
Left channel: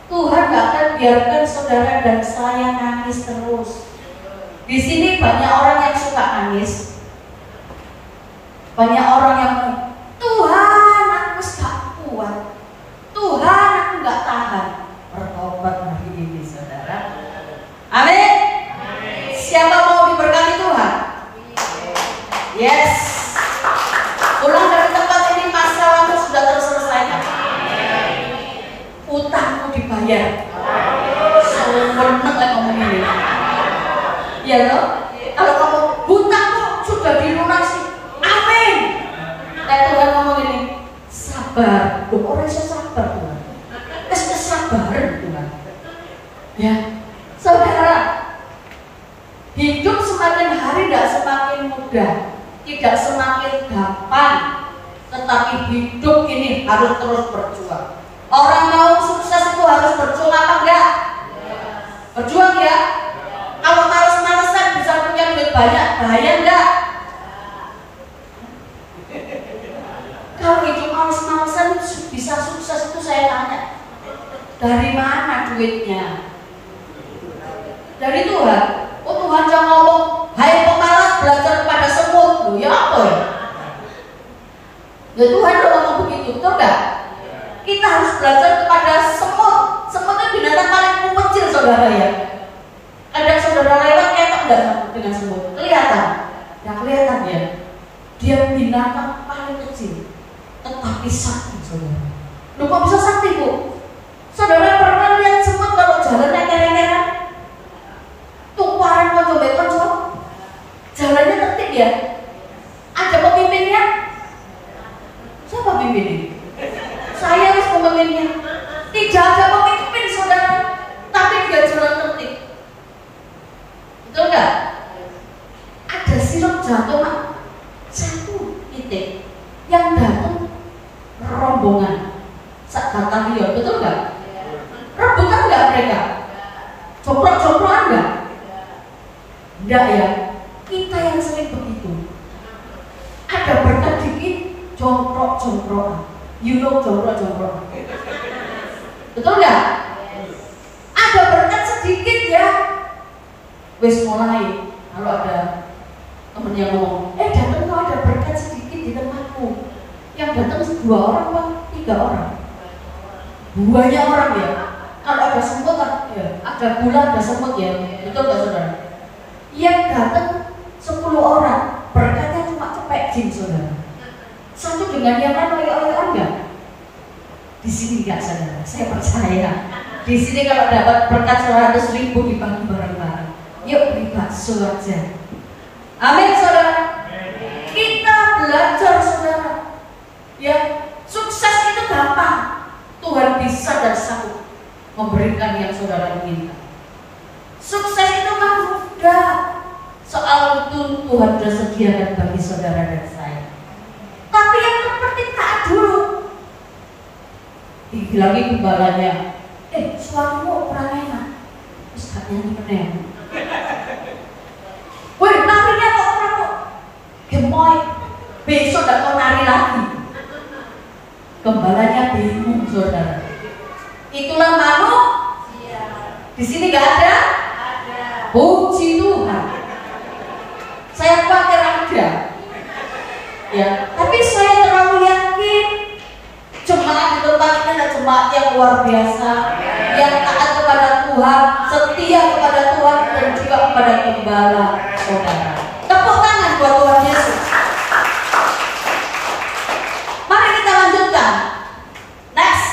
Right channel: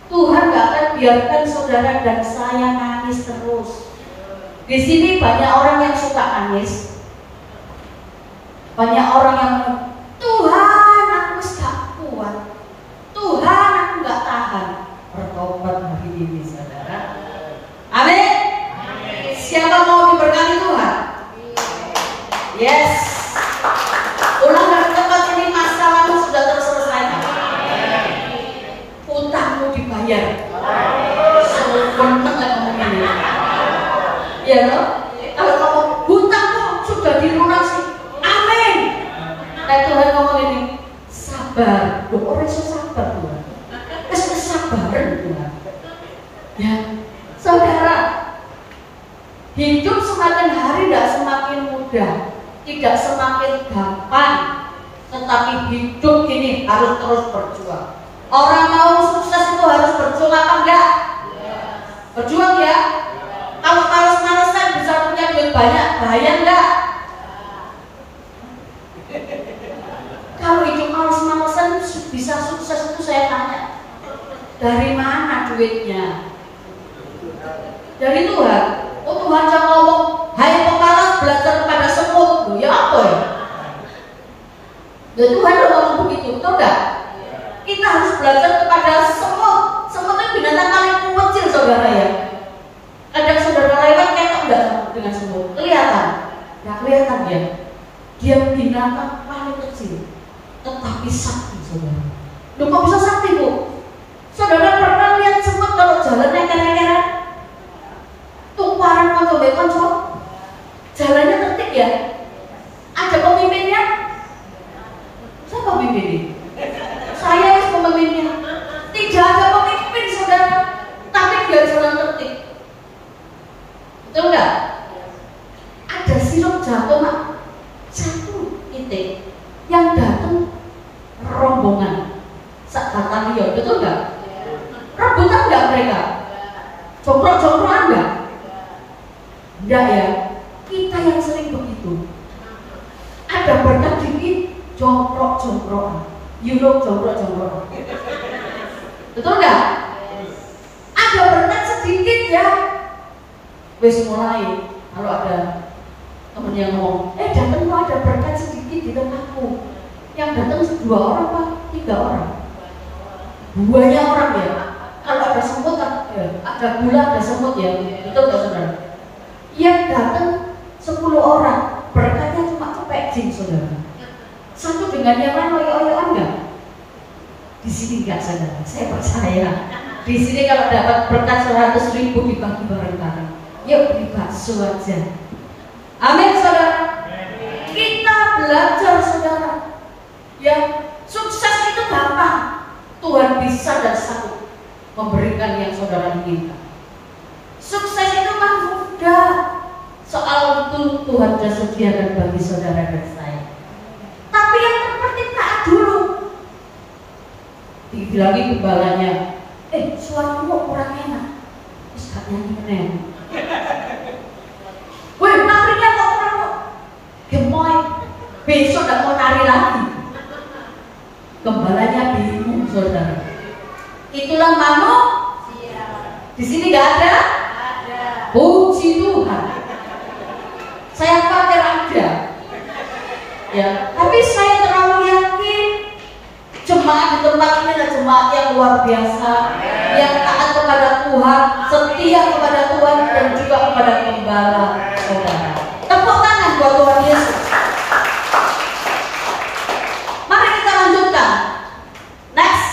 Tuhan gak akan biarkan saudara dan saya nangis terus. Di sini banyak orang yang suka nangis, banyak orang yang Tuhan aku gak kuat, Tuhan aku gak tahan. Bertobat hari ini saudara. Amin. Siapa mau diberkati Tuhan? Yes. Pulang dari tempat ini masalahmu sudah terselesaikan. Utangmu dibayar. Seneng gak ngomong ini? Ya loh. Kalau ngomong hutangmu sudah dilunasi. Amin. Tuhan ngomong ini, sabar. Loh, orang iso sabar Tuhan. Kesabaran Tuhan. Ya, saudara, hidup semakin hari tidak semakin mudah, tidak semakin gampang, tetapi hidup ini harus terus berjuang. Orang mau sukses itu harus berjuang apa enggak? Berjuang ya. Kalau males-malesan bisa punya duit banyak, bahaya enggak? Kalau hidup males-malesan bisa sukses itu saya tanya, dari mana duitnya? Dari Tuhan. Oh Tuhan yang ngomong, hai pemalas belajar kepada semut. Ya apa ya? Ya Tuhan udah ngomong begitu, tahu enggak? Kita harus belajar kepada semut. Semut itu binatang paling kecil saudara ya. Kadang saudara lewat ketok enggak dengan semut? Kelihatan? Ya kelihatan ya. Dia binatang paling kecil, tetapi sakti saudara. Loh kok bisa sakti Bu? Saudara pernah lihat semut kalau jalannya keren-keren? Tumparan konco-konco, jalannya tertib ya? Ada pemimpinnya? Siapa pemimpinnya? Saya harus pemimpinnya. Tidak ada pemimpin saudara, tapi dia jalan tertib. Enggak ya, kita yang sering begitu. Ada berkat dikit, jongkrok-jongkrokan. You know jongkrok-jongkrok. Betul nggak? Ada berkat sedikit ya, wis mulai. Kalau ada temen yang ngomong, datang kok ada berkat sedikit di tempatku. Yang datang 2 orang apa 3 orang? Banyak orang ya. Kalau ada semut ya, ada gula, ada semut ya. Betul nggak saudara? Yang datang 10 orang, berkatnya cuma cepek jing saudara. Satu dengan yang lain oyo-oyoan nggak? Di sini nggak saudara, saya percaya. Di sini kalau dapat berkat 100.000 dibagi bareng-bareng. Yuk beli bakso aja. Amin saudara. Kita belajar saudara. Ya, sukses itu gampang. Tuhan bisa dan sanggup memberikan yang saudara inginkan. Sukses itu kan mudah. Soal itu Tuhan sudah sediakan bagi saudara dan saya. Tapi yang terpenting taat dulu. Dibilangin gembalanya, suaramu kurang enak. Terus gak nyanyi. Woi, narinya kok kurang kok. Gemoy, besok gak mau nari lagi. Gembalanya bingung saudara. Itulah manusia. Di sini nggak ada? Ada. Puji Tuhan. Saya khawatir ada. Ya, tapi saya terlalu yakin jemaat di tempat ini adalah jemaat yang luar biasa, yang taat kepada Tuhan, setia kepada Tuhan dan juga kepada gembala saudara. Tepuk tangan buat Tuhan Yesus. Mari kita lanjutkan. Next.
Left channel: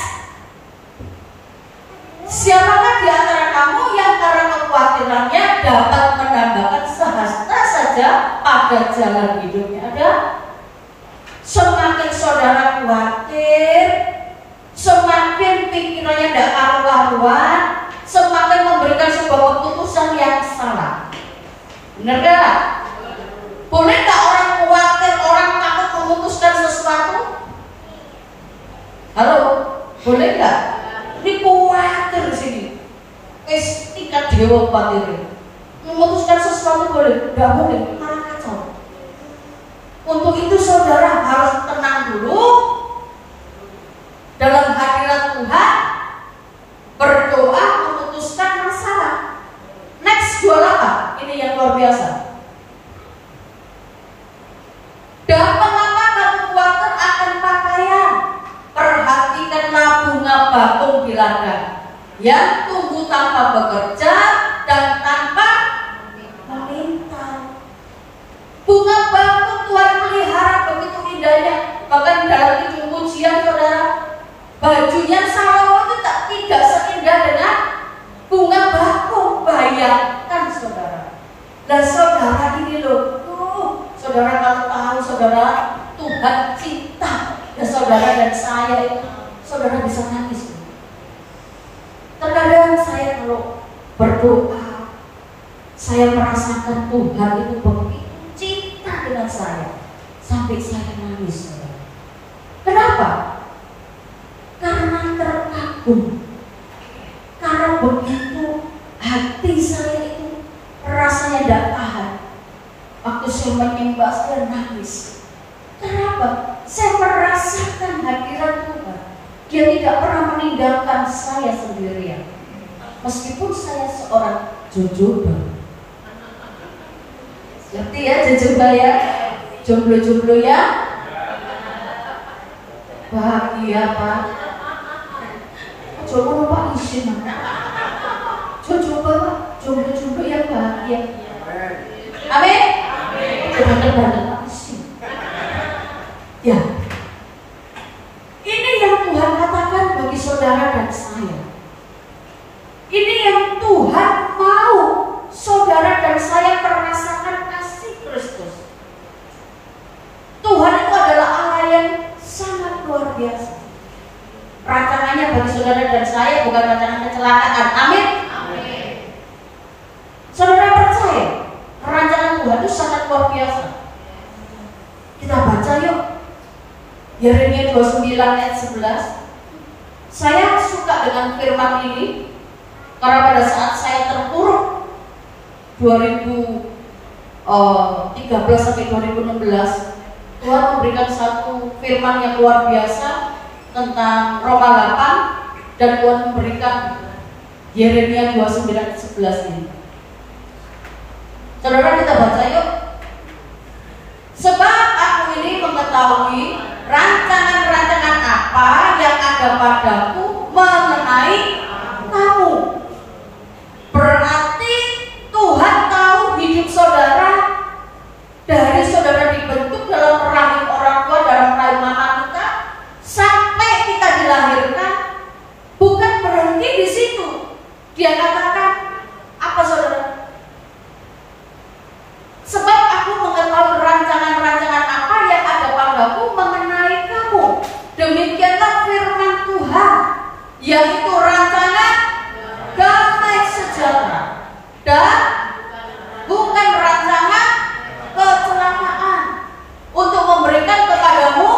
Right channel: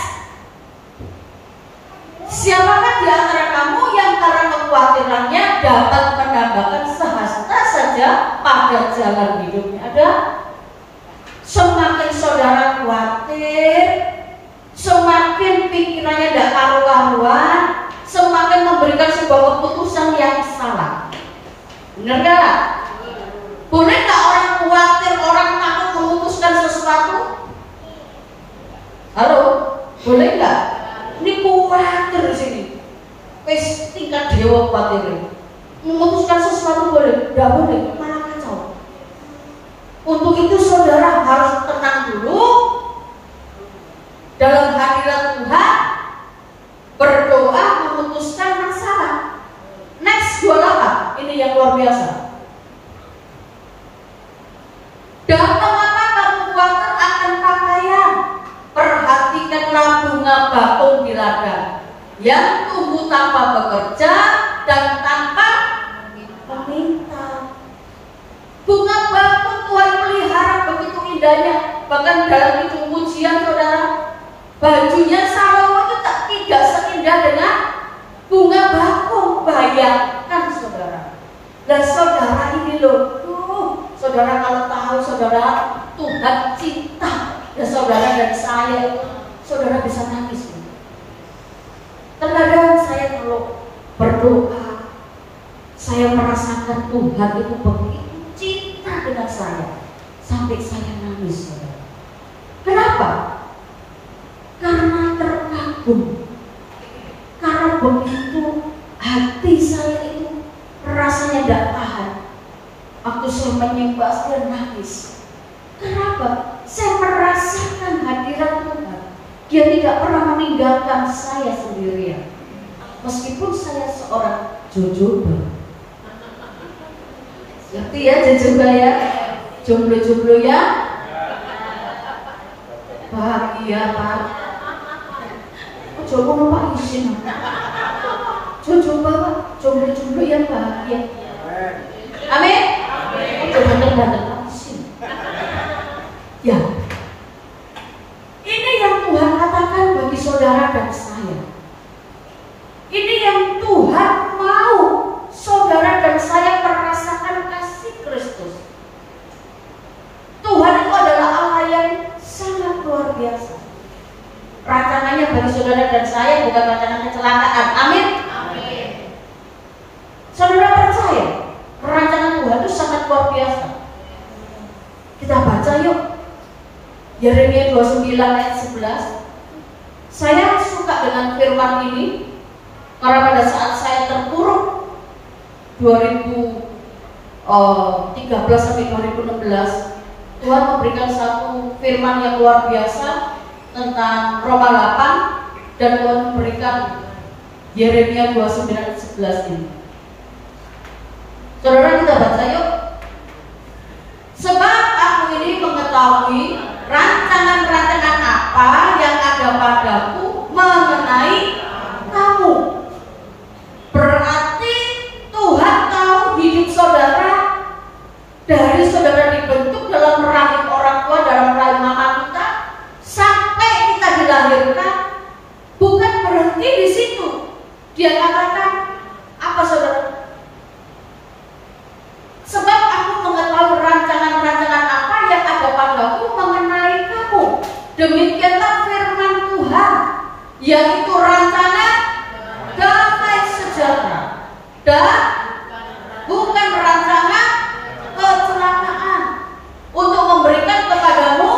Siapakah di antara kamu yang karena kekhawatirannya dapat menambahkan sehasta saja pada jalan hidupnya? Ada? Semakin saudara khawatir, semakin pikirannya tidak karu-karuan, semakin memberikan sebuah keputusan yang salah. Benar gak? Boleh gak orang khawatir, orang takut memutuskan sesuatu? Halo? Boleh gak? Ini khawatir di sini. Wis tingkat dewa khawatir. Memutuskan sesuatu boleh? Tidak boleh, malah kacau. Untuk itu saudara harus tenang dulu dalam hadirat Tuhan, berdoa, memutuskan masalah. Next 28, ini yang luar biasa. Dan mengatakan khawatir akan pakaian, perhatikanlah bunga bakung di ladang yang tumbuh tanpa bekerja dan tanpa meminta. Bunga bakung Tuhan pelihara begitu indahnya. Bahkan dalam itu pujian saudara, bajunya Salomo itu tidak seindah dengan bunga bakung. Bayangkan saudara. Dan saudara ini loh, saudara kalau tahu saudara Tuhan cinta dan saudara dan saya itu, saudara bisa nangis. Terkadang saya kalau berdoa, saya merasakan Tuhan itu begitu cinta dengan saya sampai saya nangis saudara. Kenapa? Karena terkagum. Karena begitu hati saya itu rasanya tidak tahan. Waktu saya menimba saya nangis. Kenapa? Saya merasakan hadirat Tuhan. Dia tidak pernah meninggalkan saya sendirian. Meskipun saya seorang jojoba. Ngerti ya jojoba ya? Jomblo-jomblo ya? Bahagia Pak. Coba Pak isin. Jojoba Pak, jomblo-jomblo yang bahagia. Amin. Coba Pak isin. Ya. Ini yang Tuhan katakan bagi saudara dan saya. Ini yang Tuhan mau saudara dan saya merasakan kasih Kristus. Tuhan itu adalah Allah yang sangat luar biasa. Rancangannya bagi saudara dan saya bukan rancangan kecelakaan. Amin. Amin. Saudara percaya rancangan Tuhan itu sangat luar biasa. Kita baca yuk. Yeremia 29 ayat 11. Saya suka dengan firman ini karena pada saat saya terpuruk 2013 13 sampai 2016, Tuhan memberikan satu firman yang luar biasa tentang Roma 8, dan Tuhan memberikan Yeremia 29:11 ini. Saudara, kita baca yuk. Sebab aku ini mengetahui rancangan-rancangan apa yang ada padaku mengenai kamu. Berarti Tuhan tahu hidup saudara dari saudara dibentuk dalam rahim orang tua, dalam rahim mama kita, sampai kita dilahirkan. Bukan berhenti di situ. Dia katakan apa, saudara? Sebab aku mengetahui rancangan-rancangan apa yang ada padaku mengenai kamu. Demikianlah firman Tuhan, yaitu rancangan damai sejahtera dan bukan rancangan kecelakaan, untuk memberikan kepadamu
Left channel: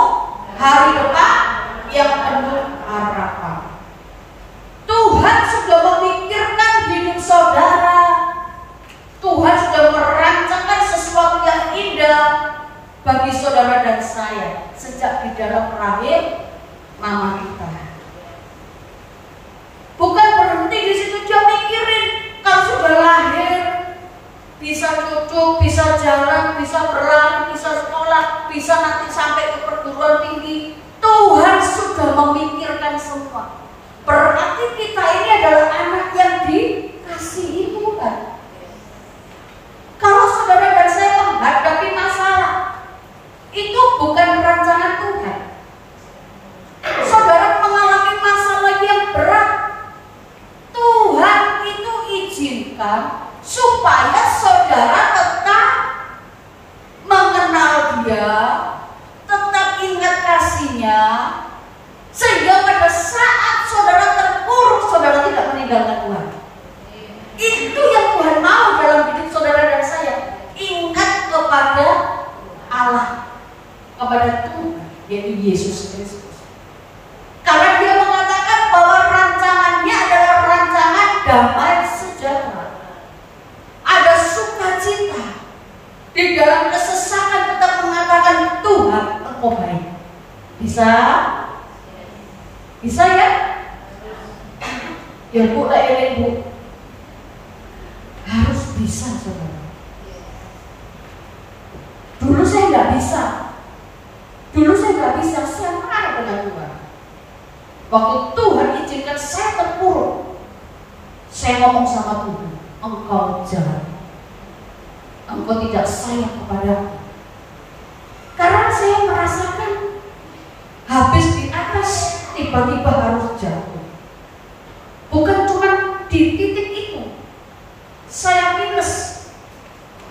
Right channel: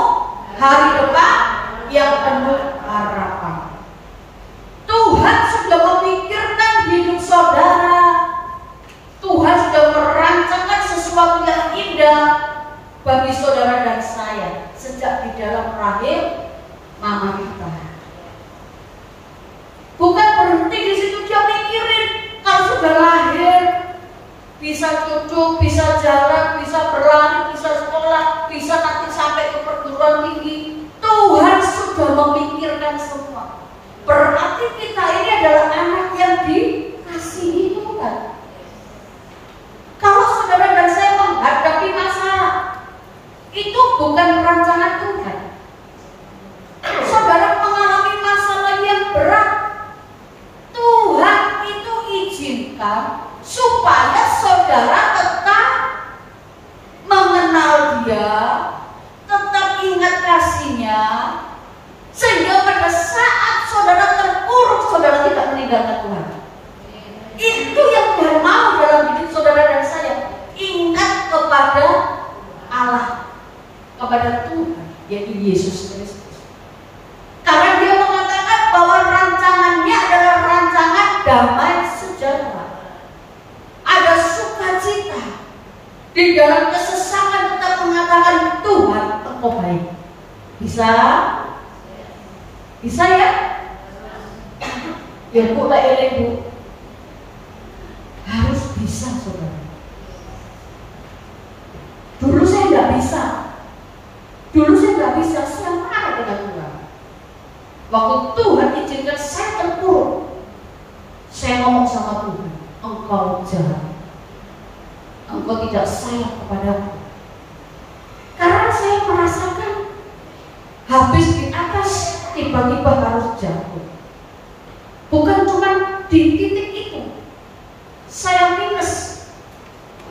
hari depan yang penuh harapan. Tuhan sudah memikirkan hidup saudara. Tuhan sudah merancangkan sesuatu yang indah bagi saudara dan saya sejak di dalam rahim mama kita. Bukan berhenti di situ, dia mikirin kalau sudah lahir bisa duduk, bisa jalan, bisa berlari, bisa sekolah, bisa nanti sampai ke perguruan tinggi. Tuhan sudah memikirkan semua. Berarti kita ini adalah anak yang dikasihi Tuhan. Kalau saudara dan saya menghadapi masalah, itu bukan rancangan Tuhan. Saudara mengalami masalah yang berat, Tuhan itu izinkan supaya saudara tetap mengenal Dia, tetap ingat kasih-Nya, sehingga pada saat saudara terpuruk, saudara tidak meninggalkan Tuhan. Itu yang Tuhan mau dalam hidup saudara dan saya. Ingat kepada Allah, kepada Tuhan, yaitu Yesus Kristus. Karena Dia mengatakan bahwa rancangannya adalah rancangan damai sejahtera. Ada sukacita. Di dalam kesesakan tetap mengatakan Tuhan Engkau baik. Bisa? Bisa ya? Ya Bu, tak eling Bu. Harus bisa, saudara. Dulu saya nggak bisa. Saya marah dengan Tuhan. Waktu Tuhan izinkan saya terpuruk, saya ngomong sama Tuhan, Engkau jahat, Engkau tidak sayang kepadaku. Karena saya merasakan habis di atas, tiba-tiba harus jatuh. Bukan cuma di titik itu, saya minus,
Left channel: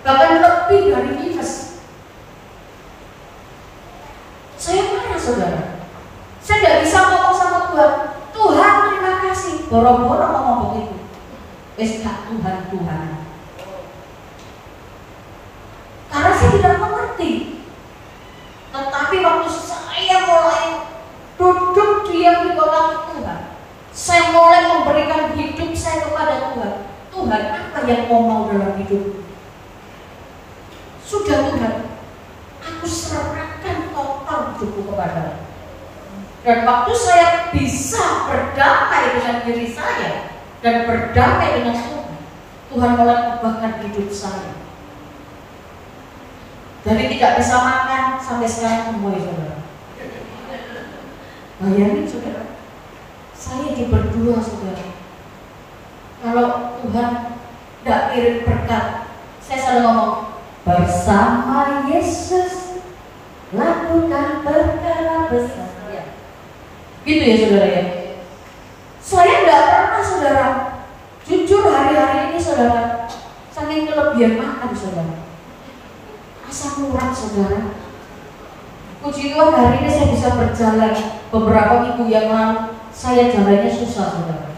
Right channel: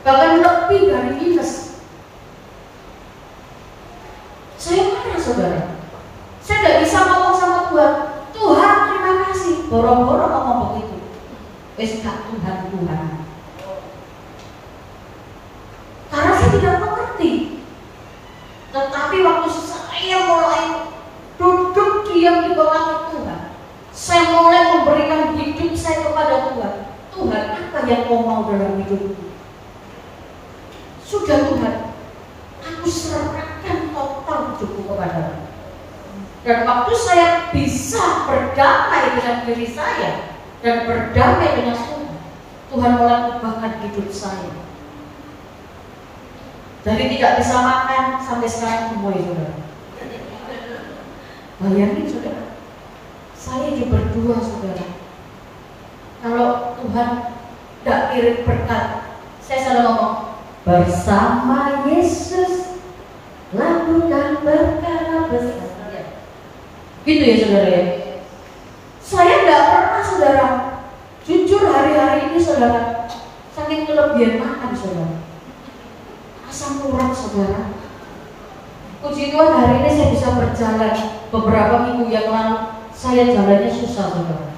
bahkan lebih dari minus. Saya marah, saudara. Saya tidak bisa ngomong sama Tuhan, Tuhan terima kasih, boro-boro ngomong begitu. Tuhan. Karena saya tidak mengerti. Tetapi waktu saya mulai duduk diam di belakang Tuhan, saya mulai memberikan hidup saya kepada Tuhan. Tuhan, apa yang Kau mau dalam hidupku? Sudah Tuhan, aku serahkan total hidupku kepadamu. Dan waktu saya bisa berdamai dengan diri saya dan berdamai dengan Tuhan mulai mengubahkan hidup saya. Jadi tidak bisa makan sampai sekarang semua, saudara. Bayangin, saudara, saya hidup berdua, saudara. Kalau Tuhan tidak kirim berkat, saya selalu ngomong, bersama Yesus lakukan perkara besar. Gitu ya, saudara ya. Saya tidak pernah, saudara, jujur hari-hari ini, saudara, saking kelebihan makan, saudara, asam urat, saudara. Puji Tuhan, hari ini saya bisa berjalan. Beberapa minggu yang lalu saya jalannya susah, saudara.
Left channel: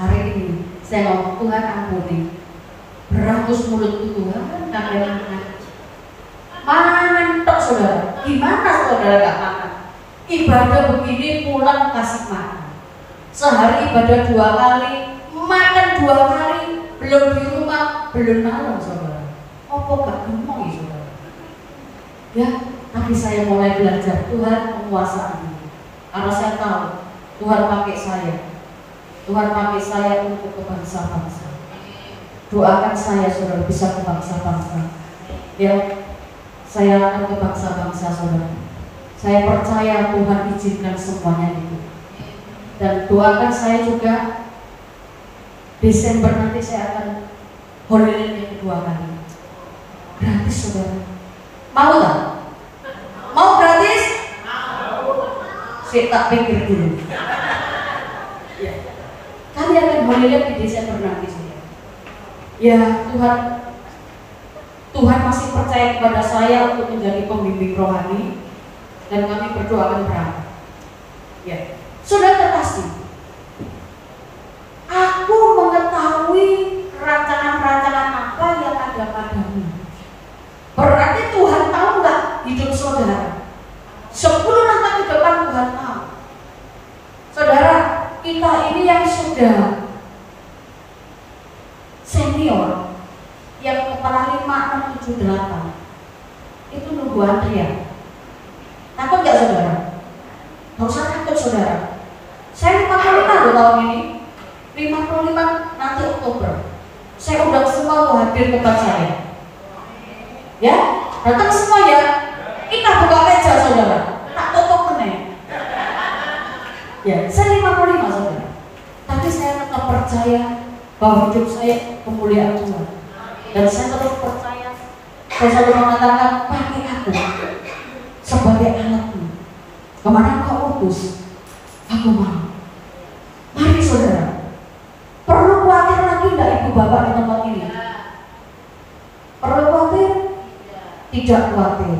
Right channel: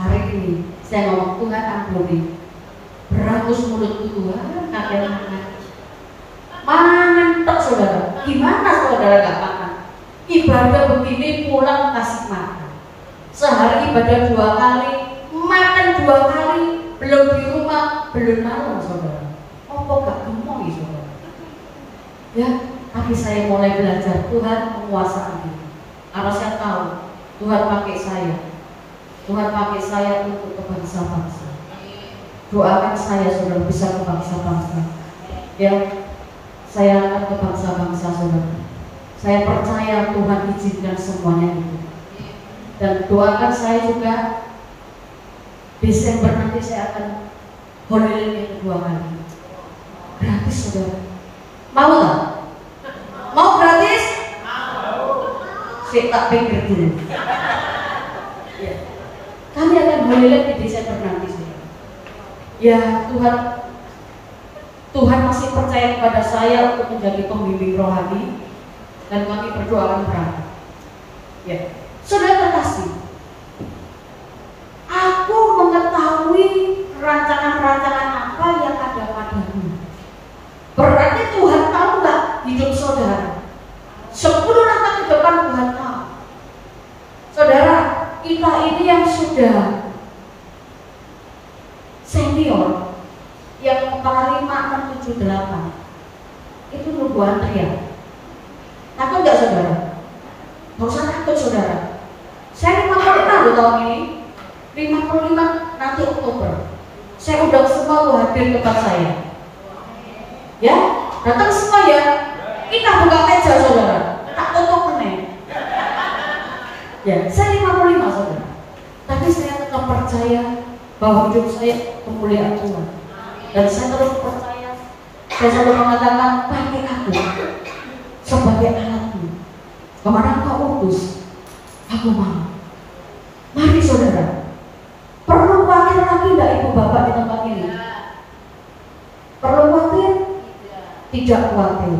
Hari ini saya ngomong, Tuhan ampuni, berangus mulutku Tuhan, kalian makan. Mangan tok, saudara. Gimana saudara gak makan? Ibadah begini pulang kasih makan. Sehari ibadah 2 kali, makan 2 kali, belum di rumah, belum malam, saudara. apa gak ngomong ya saudara. Ya, tapi saya mulai belajar Tuhan menguasai ini. Karena saya tahu Tuhan pakai saya. Tuhan pakai saya untuk ke bangsa-bangsa. Doakan saya saudara bisa ke bangsa-bangsa. Ya, saya akan ke bangsa-bangsa saudara. Saya percaya Tuhan izinkan semuanya itu. Dan doakan saya juga Desember nanti saya akan holiday yang kedua kali. Gratis saudara. Mau tak? Mau gratis? Saya tak pikir dulu. Ya. Kami akan holiday di Desember nanti saudara. Ya Tuhan masih percaya kepada saya untuk menjadi pembimbing rohani. Dan kami berdoa akan berangkat. Ya, saudara terkasih, aku mengetahui rancangan-rancangan apa yang ada padamu. Berarti Tuhan tahu nggak hidup saudara? 10 langkah ke depan Tuhan tahu. Saudara, kita ini yang sudah senior, yang kepala 5, 6, 7, 8 itu nunggu antrian. Takut gak saudara? Gak usah takut saudara. Saya 55 loh tahun ini. 55 nanti Oktober. Saya undang semua tuh hadir tempat saya. Ya, datang semua ya. Kita buka meja saudara. Tak tutup meneh. Ya, saya 55 saudara. Tapi saya tetap percaya bahwa hidup saya kemuliaan Tuhan. Dan saya terus percaya. Saya selalu mengatakan pakai aku sebagai anakmu. Kemana kau utus, aku mau. Mari saudara. Perlu khawatir lagi enggak ibu bapak di tempat ini? Perlu khawatir? Tidak khawatir.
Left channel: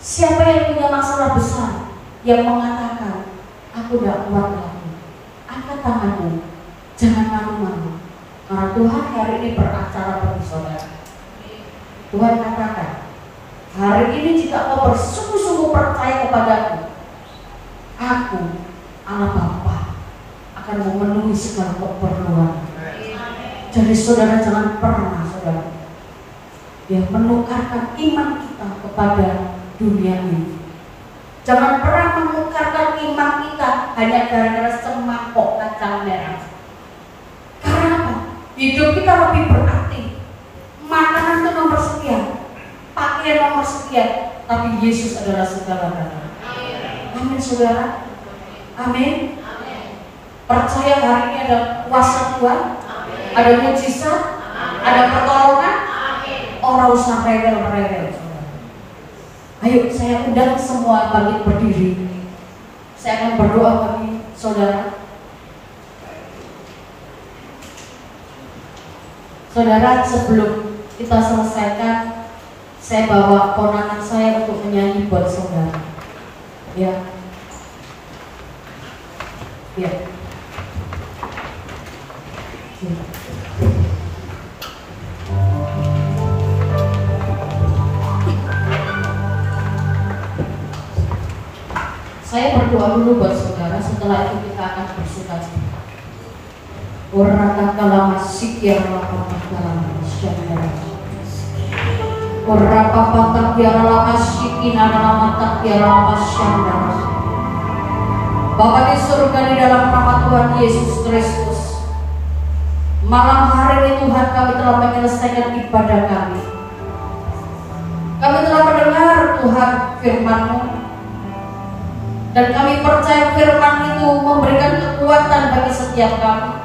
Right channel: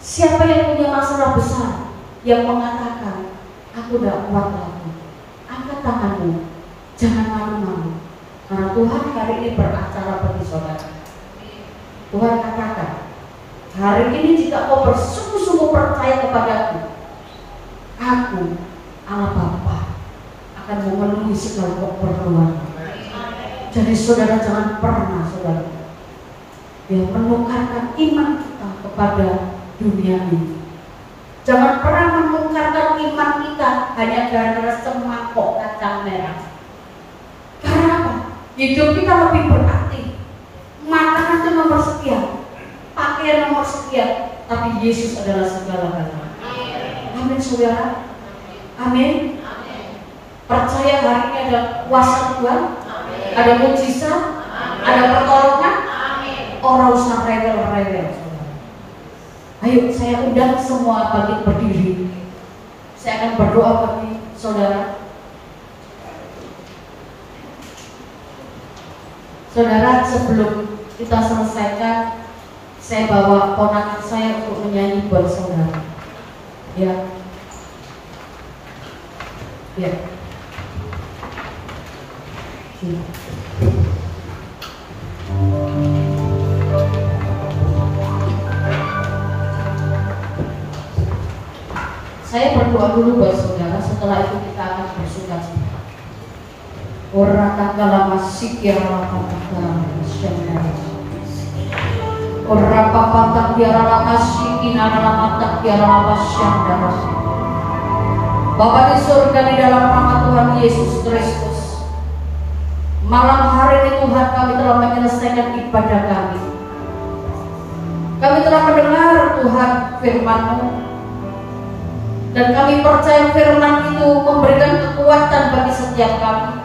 Siapa yang punya masalah besar, yang mengatakan aku tidak kuat lagi, angkat tanganmu. Jangan malu-malu. Karena Tuhan hari ini beracara bagi saudara. Tuhan katakan, hari ini jika kau bersungguh-sungguh percaya kepadaku, aku, Allah Bapa, akan memenuhi segala keperluan. Jadi saudara jangan pernah saudara yang menukarkan iman kita kepada dunia ini. Jangan pernah menukarkan iman kita hanya gara-gara semangkok kacang merah. Karena apa? Hidup kita lebih berarti. Makanan itu nomor sekian, pakaian nomor sekian, tapi Yesus adalah segala-galanya. Amin saudara. Amin. Percaya hari ini ada kuasa Tuhan, ada mujizat, ada pertolongan. Orang usah rewel-rewel. Ayo saya undang semua bangkit berdiri. Saya akan berdoa bagi saudara. Saudara, sebelum kita selesaikan, saya bawa ponakan saya untuk menyanyi buat saudara. Ya. Ya. Saya berdoa dulu buat saudara, setelah itu kita akan bersukacita. Orang kala masih ya lapang syandara. Orang papatak ya lapang kinara matak ya lapang syandara. Bapa di surga, di dalam nama Tuhan Yesus Kristus, malam hari ini Tuhan kami telah menyelesaikan ibadah kami. Kami telah mendengar Tuhan firman-Mu, dan kami percaya firman itu memberikan kekuatan bagi setiap kami.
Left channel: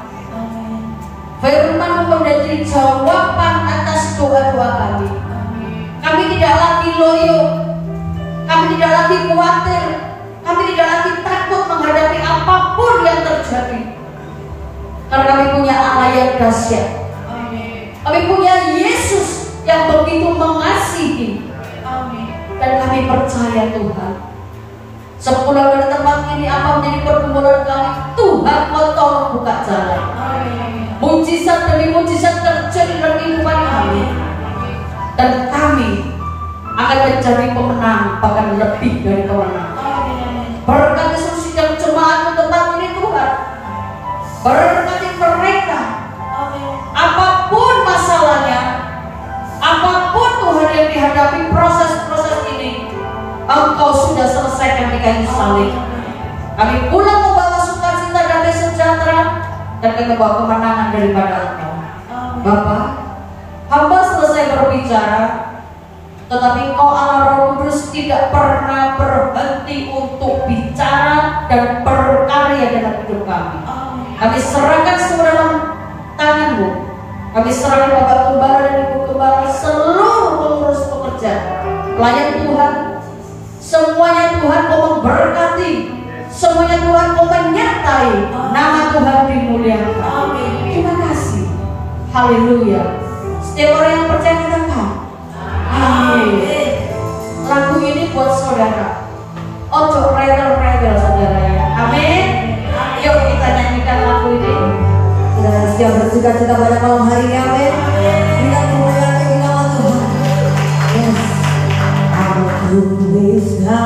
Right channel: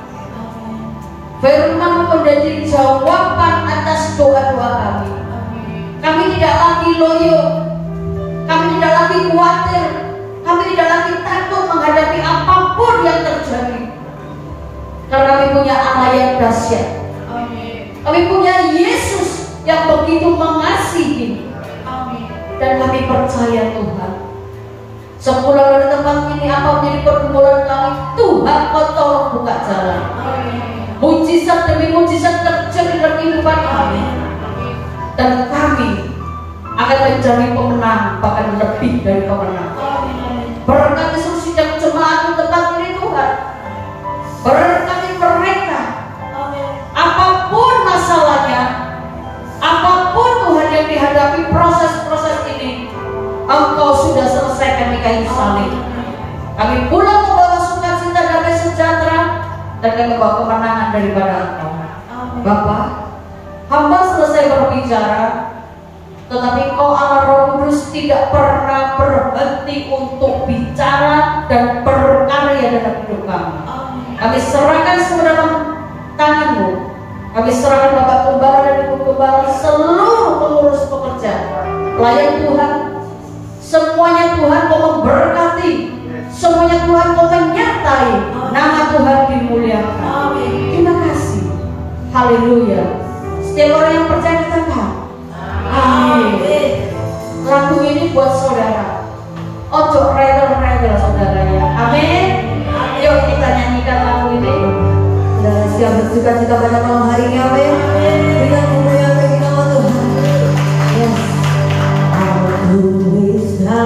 Firman menjadi jawaban atas doa-doa kami. Kami tidak lagi loyo, kami tidak lagi khawatir, kami tidak lagi takut menghadapi apapun yang terjadi. Karena kami punya Allah yang dahsyat. Kami punya Yesus yang begitu mengasihi. Dan kami percaya Tuhan, sepulang dari tempat ini apa menjadi pergumulan kami, Tuhan kau tolong buka jalan. Mujizat demi mujizat terjadi dalam kehidupan kami, dan kami akan menjadi pemenang, bahkan lebih dari pemenang. Berkati seluruh sidang jemaat di tempat ini Tuhan, berkati mereka, apapun masalahnya, apapun lepas kemenangan daripada Engkau. Bapa, hamba selesai berbicara, tetapi Kau Allah Roh Kudus tidak pernah berhenti untuk bicara dan berkarya dalam hidup kami. Kami serahkan semua dalam tangan-Mu. Kami serahkan Bapak Gembala dan Ibu Gembala, seluruh pengurus pekerja, pelayan Tuhan, semuanya Tuhan Kau memberkati, semuanya Tuhan Kau menyertai, nama Tuhan dimuliakan. Terima kasih. Haleluya. Setiap orang yang percaya katakan amin. Lagu ini buat saudara. Ojo regel-regel saudara ya. Amin. Yuk kita nyanyikan lagu ini. Saudara siap bersuka cita pada malam hari ini. Amin. Dengan kemuliaan bagi nama Tuhan. Yes. Aku bisa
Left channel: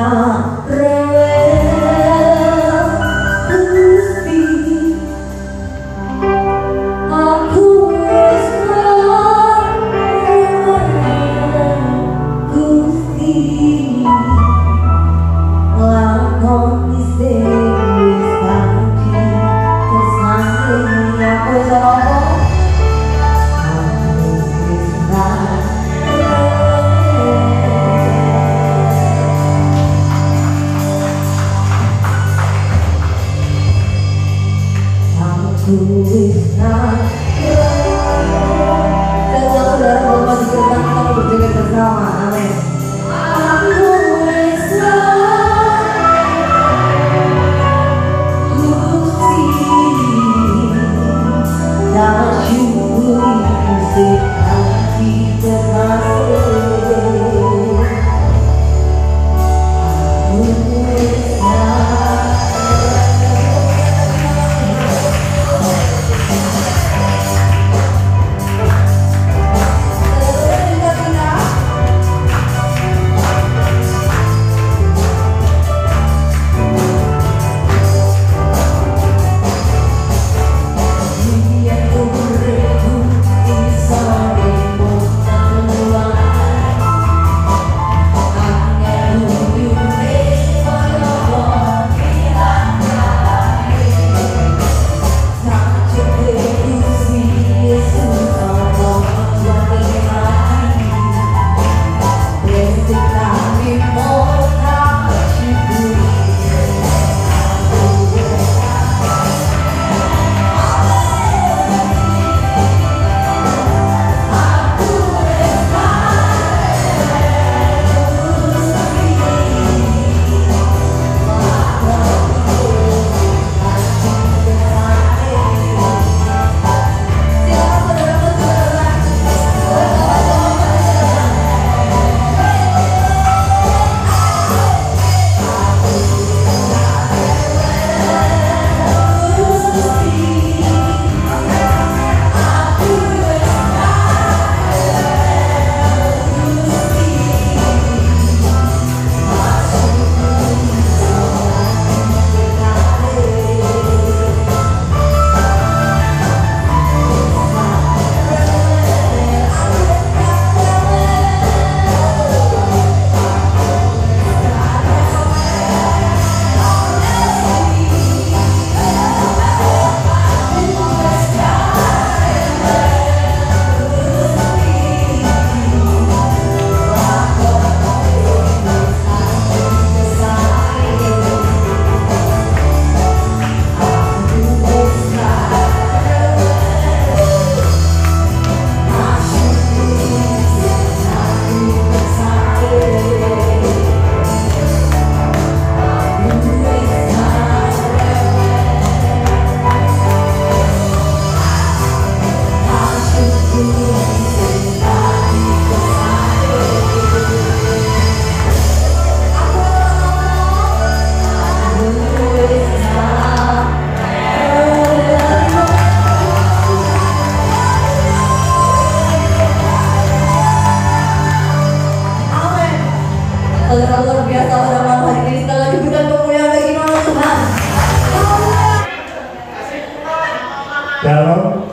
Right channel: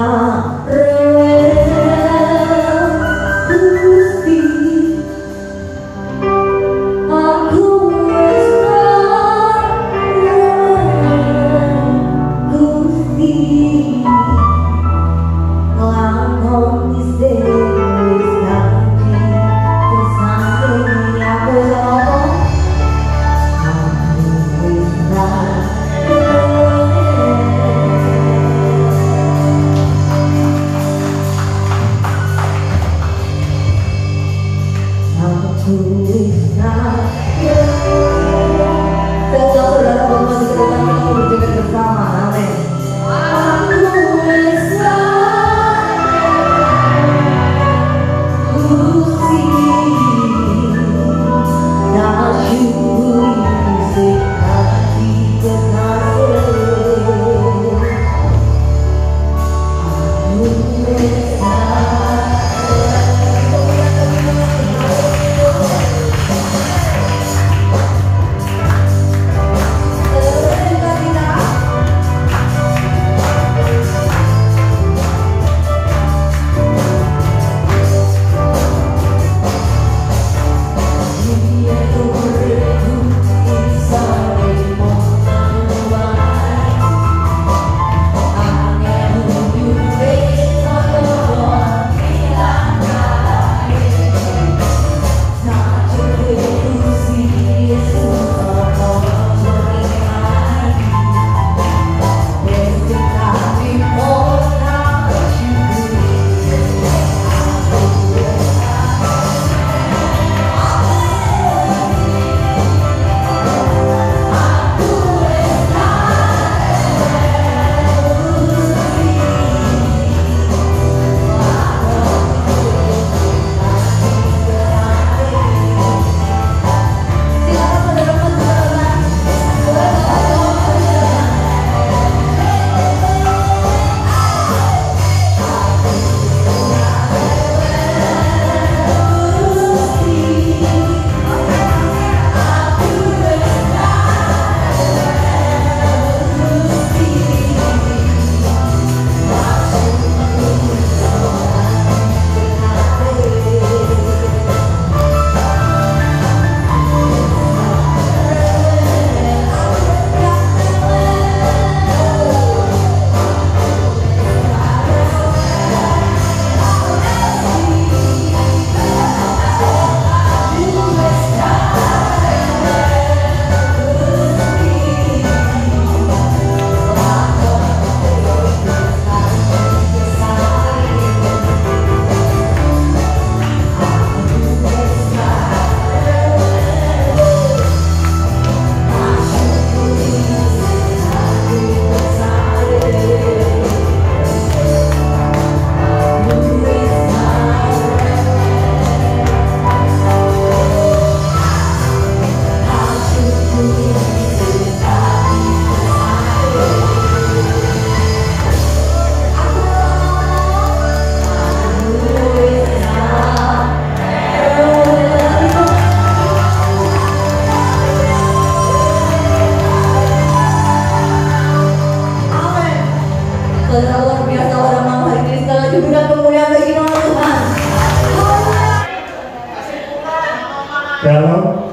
Shalom,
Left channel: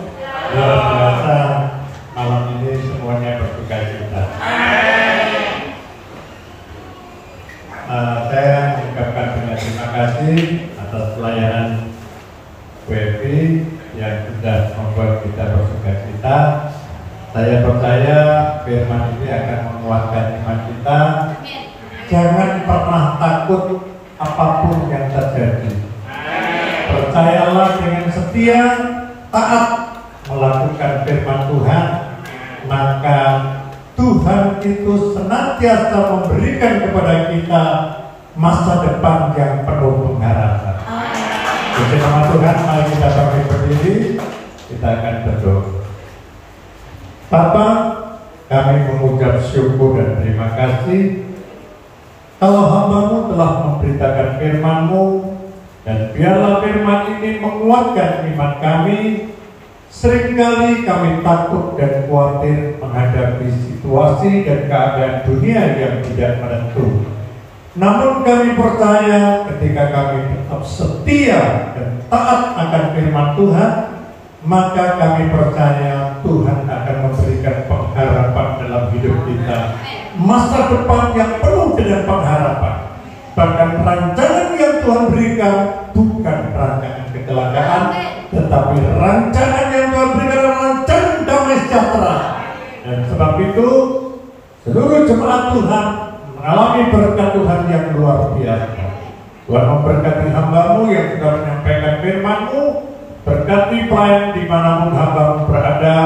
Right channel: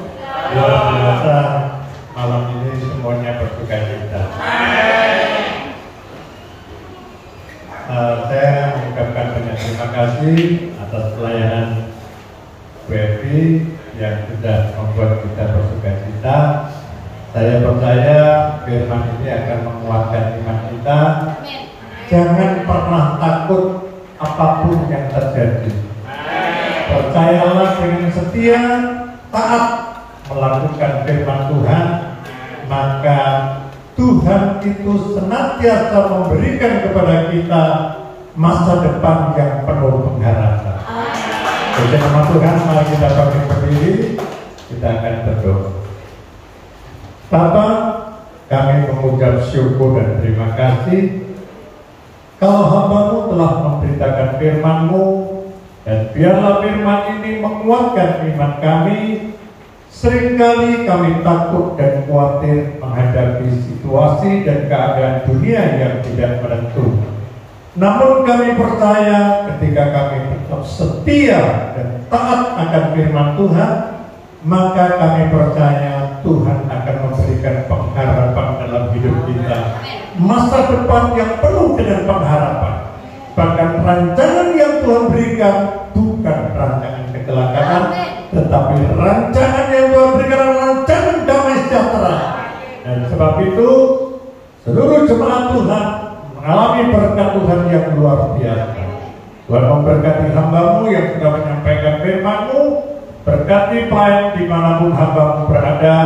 luar biasa malam ini semuanya bersuka cita. Saya mengucapkan banyak terima kasih atas pelayanan WFI yang sudah Saya percaya firman ini akan menguatkan iman kita. Jangan pernah takut apapun yang terjadi. Percayalah dengan setia, taat melakukan firman Tuhan, maka Tuhan itu senantiasa memberikan kepada kita masa depan yang penuh pengharapan. Puji nama Tuhan, mari kita bangkit berdiri, kita akan berdoa. Bapa, kami mengucap syukur dan terima kasih kalau hamba-Mu telah memberitakan firman-Mu, dan biarlah firman ini menguatkan iman kami. Seringkali kami takut dan khawatir menghadapi situasi dan keadaan dunia yang tidak menentu. Namun kami percaya ketika kami tetap setia dan taat akan firman Tuhan, maka kami percaya Tuhan akan memberikan pengharapan dalam hidup kita. Masa depan yang penuh dengan pengharapan. Bahkan rancangan yang Tuhan berikan bukan rancangan kecelakaan, tetapi rancangan yang Tuhan berikan adalah rancangan damai sejahtera. Dan sebab itu seluruh jemaat Tuhan mengalami berkat Tuhan yang luar biasa. Tuhan memberkati hamba-Mu yang sudah menyampaikan firman-Mu. Berkati pelayan dimanapun hamba-Mu berada.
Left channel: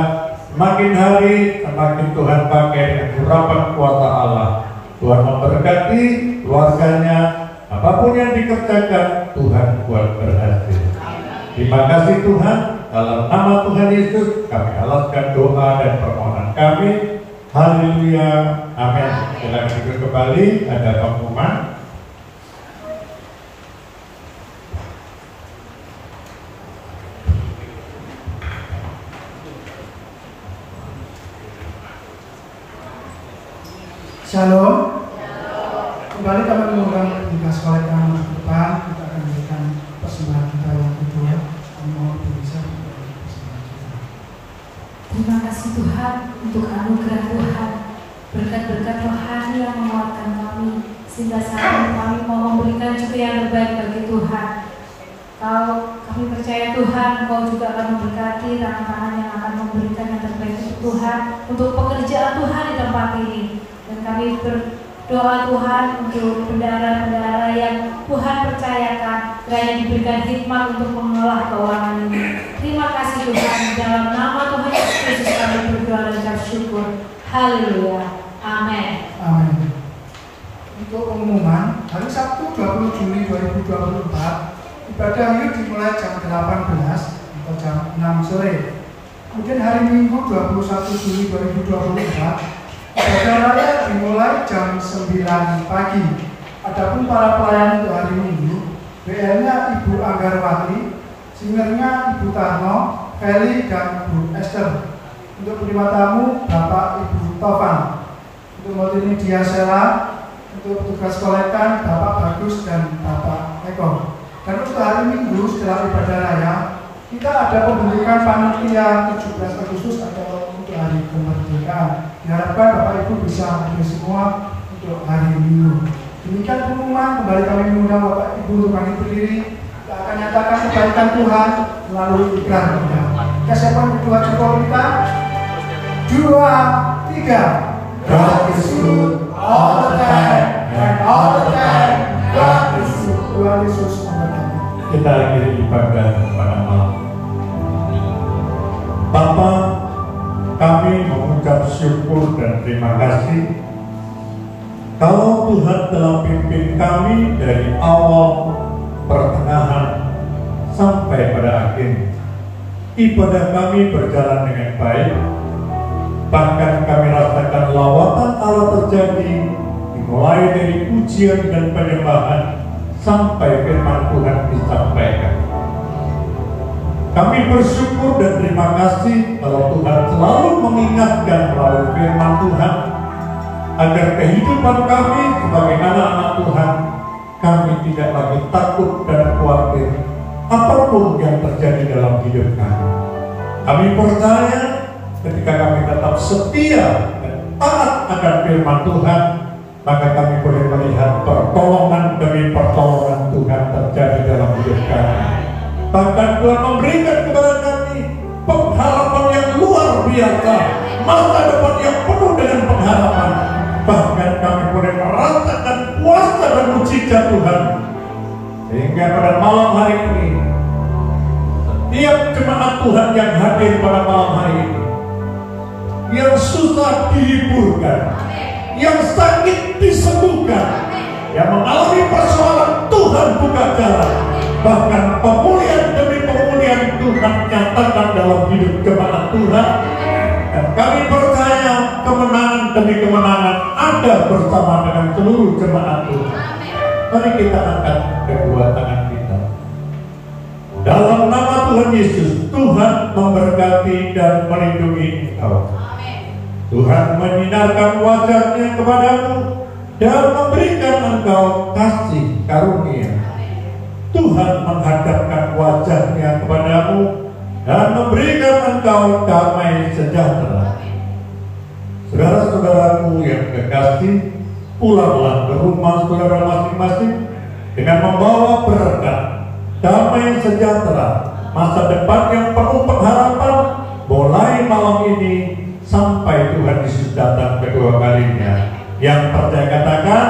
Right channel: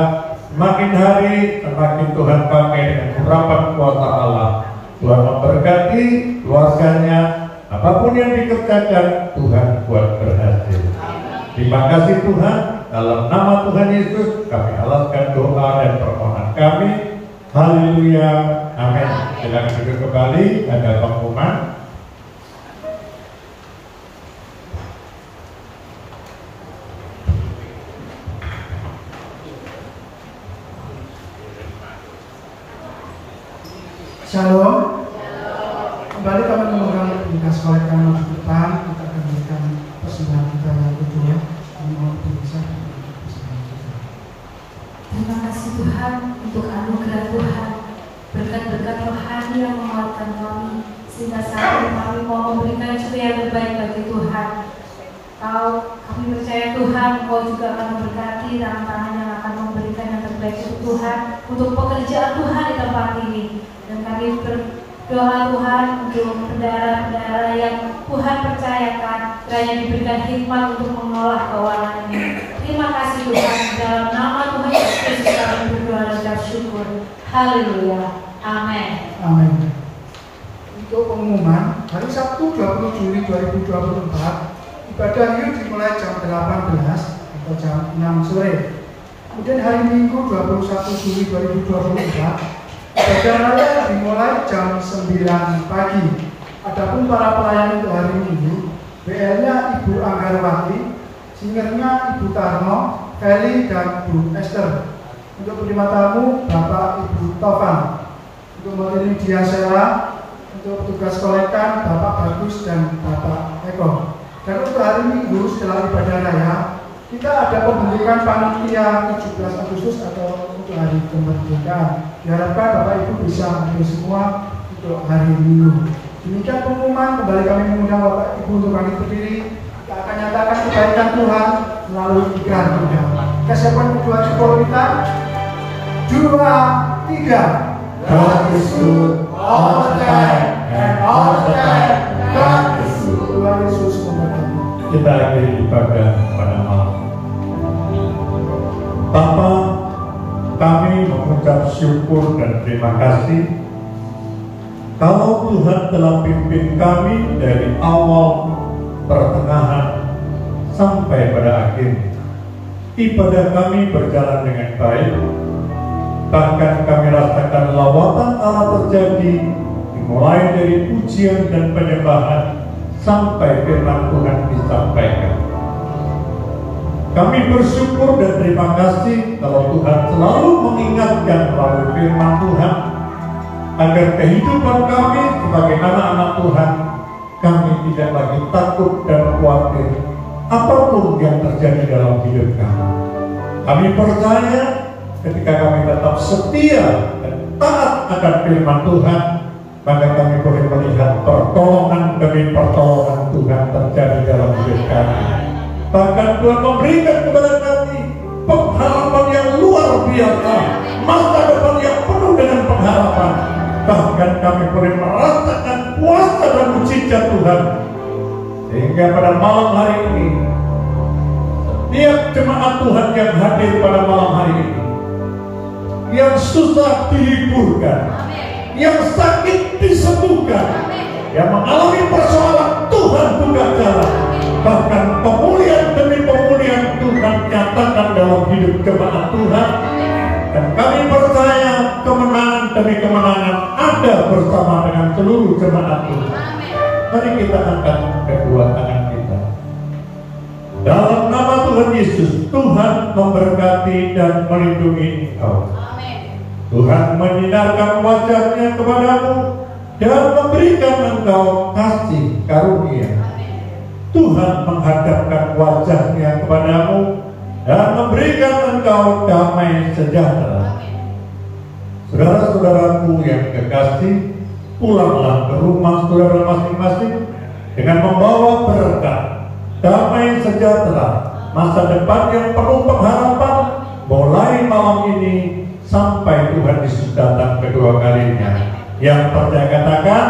Semakin hari semakin Tuhan pakai dengan urapan kuasa Allah. Tuhan memberkati keluarganya. Apapun yang dikerjakan, Tuhan buat berhasil. Terima kasih Tuhan. Dalam nama Tuhan Yesus kami alaskan doa dan permohonan kami. Haleluya. Amin. Silakan duduk kembali. Ada pengumuman. Shalom. Kembali kami mengundang tugas oleh kami ke depan. Kita akan berikan persembahan kita yang kedua. Kami mohon bisa persembahan kita. Terima kasih Tuhan untuk anugerah Tuhan, berkat-berkat rohani yang menguatkan kami, sehingga saat ini kami mau memberikan juga yang terbaik bagi Tuhan. Kami percaya Tuhan, Engkau juga akan memberkati tangan-tangan yang akan memberikan yang terbaik untuk Tuhan, untuk pekerjaan Tuhan di tempat ini. Dan kami berdoa Tuhan untuk bendahara-bendahara yang Tuhan percayakan, kiranya diberikan hikmat untuk mengolah keuangan ini. Terima kasih Tuhan, dalam nama Tuhan Yesus kami berdoa dan bersyukur. Haleluya. Amin. Amin. Untuk pengumuman, hari Sabtu 20 Juli 2024 ibadah Yud dimulai jam 18 atau jam 6 sore. Kemudian hari Minggu 21 Juli 2024 ibadah raya dimulai jam 9 pagi. Adapun para pelayan untuk hari Minggu, BL-nya Ibu Anggarwati, singernya Ibu Tarno, Feli dan Bu Esther. Untuk penerima tamu Bapak Ibu Tovan. Untuk multimedia Sela, untuk petugas kolektan Bapak Bagus dan Bapak Eko. Dan untuk hari Minggu setelah ibadah raya, kita ada pembentukan panitia 17 Agustus atau untuk hari kemerdekaan. Diharapkan Bapak Ibu bisa hadir semua untuk hari Minggu. Demikian pengumuman, kembali kami mengundang Bapak Ibu untuk bangkit berdiri. Kita akan nyatakan kebaikan Tuhan melalui ikrar kita. Kesiapan kedua syukur kita. 2, 3. God is good all the time and all the time God is good. Tuhan Yesus memberkati. Kita akhiri ibadah pada malam. Bapa, kami mengucap syukur dan terima kasih kalau Tuhan telah pimpin kami dari awal, pertengahan, sampai pada akhir. Ibadah kami berjalan dengan baik. Bahkan kami rasakan lawatan Allah terjadi, dimulai dari pujian dan penyembahan sampai firman Tuhan disampaikan. Kami bersyukur dan terima kasih kalau Tuhan selalu mengingatkan melalui firman Tuhan agar kehidupan kami sebagai anak-anak Tuhan, kami tidak lagi takut dan khawatir apapun yang terjadi dalam hidup kami. Kami percaya ketika kami tetap setia dan taat akan firman Tuhan, maka kami boleh melihat pertolongan demi pertolongan Tuhan terjadi dalam hidup kami. Bahkan Tuhan memberikan kepada kami pengharapan yang luar luar biasa, masa depan yang penuh dengan pengharapan. Bahkan kami boleh merasakan kuasa dan mujizat Tuhan. Sehingga pada malam hari ini, setiap jemaat Tuhan yang hadir pada malam hari ini, yang susah dihiburkan, yang sakit disembuhkan, yang mengalami persoalan, Tuhan buka jalan. Bahkan pemulihan demi pemulihan Tuhan nyatakan dalam hidup jemaat Tuhan. Dan kami percaya kemenangan demi kemenangan ada bersama dengan seluruh jemaat Tuhan. Mari kita angkat kedua tangan kita. Dalam nama Tuhan Yesus, Tuhan memberkati dan melindungi engkau. Tuhan menyinarkan wajah-Nya kepadamu dan memberikan engkau kasih karunia. Tuhan menghadapkan wajah-Nya kepadamu dan memberikan engkau damai sejahtera. Saudara-saudaraku yang kekasih, pulanglah ke rumah saudara masing-masing dengan membawa berkat, damai sejahtera, masa depan yang penuh pengharapan, mulai malam ini sampai Tuhan Yesus datang kedua kalinya. Yang percaya katakan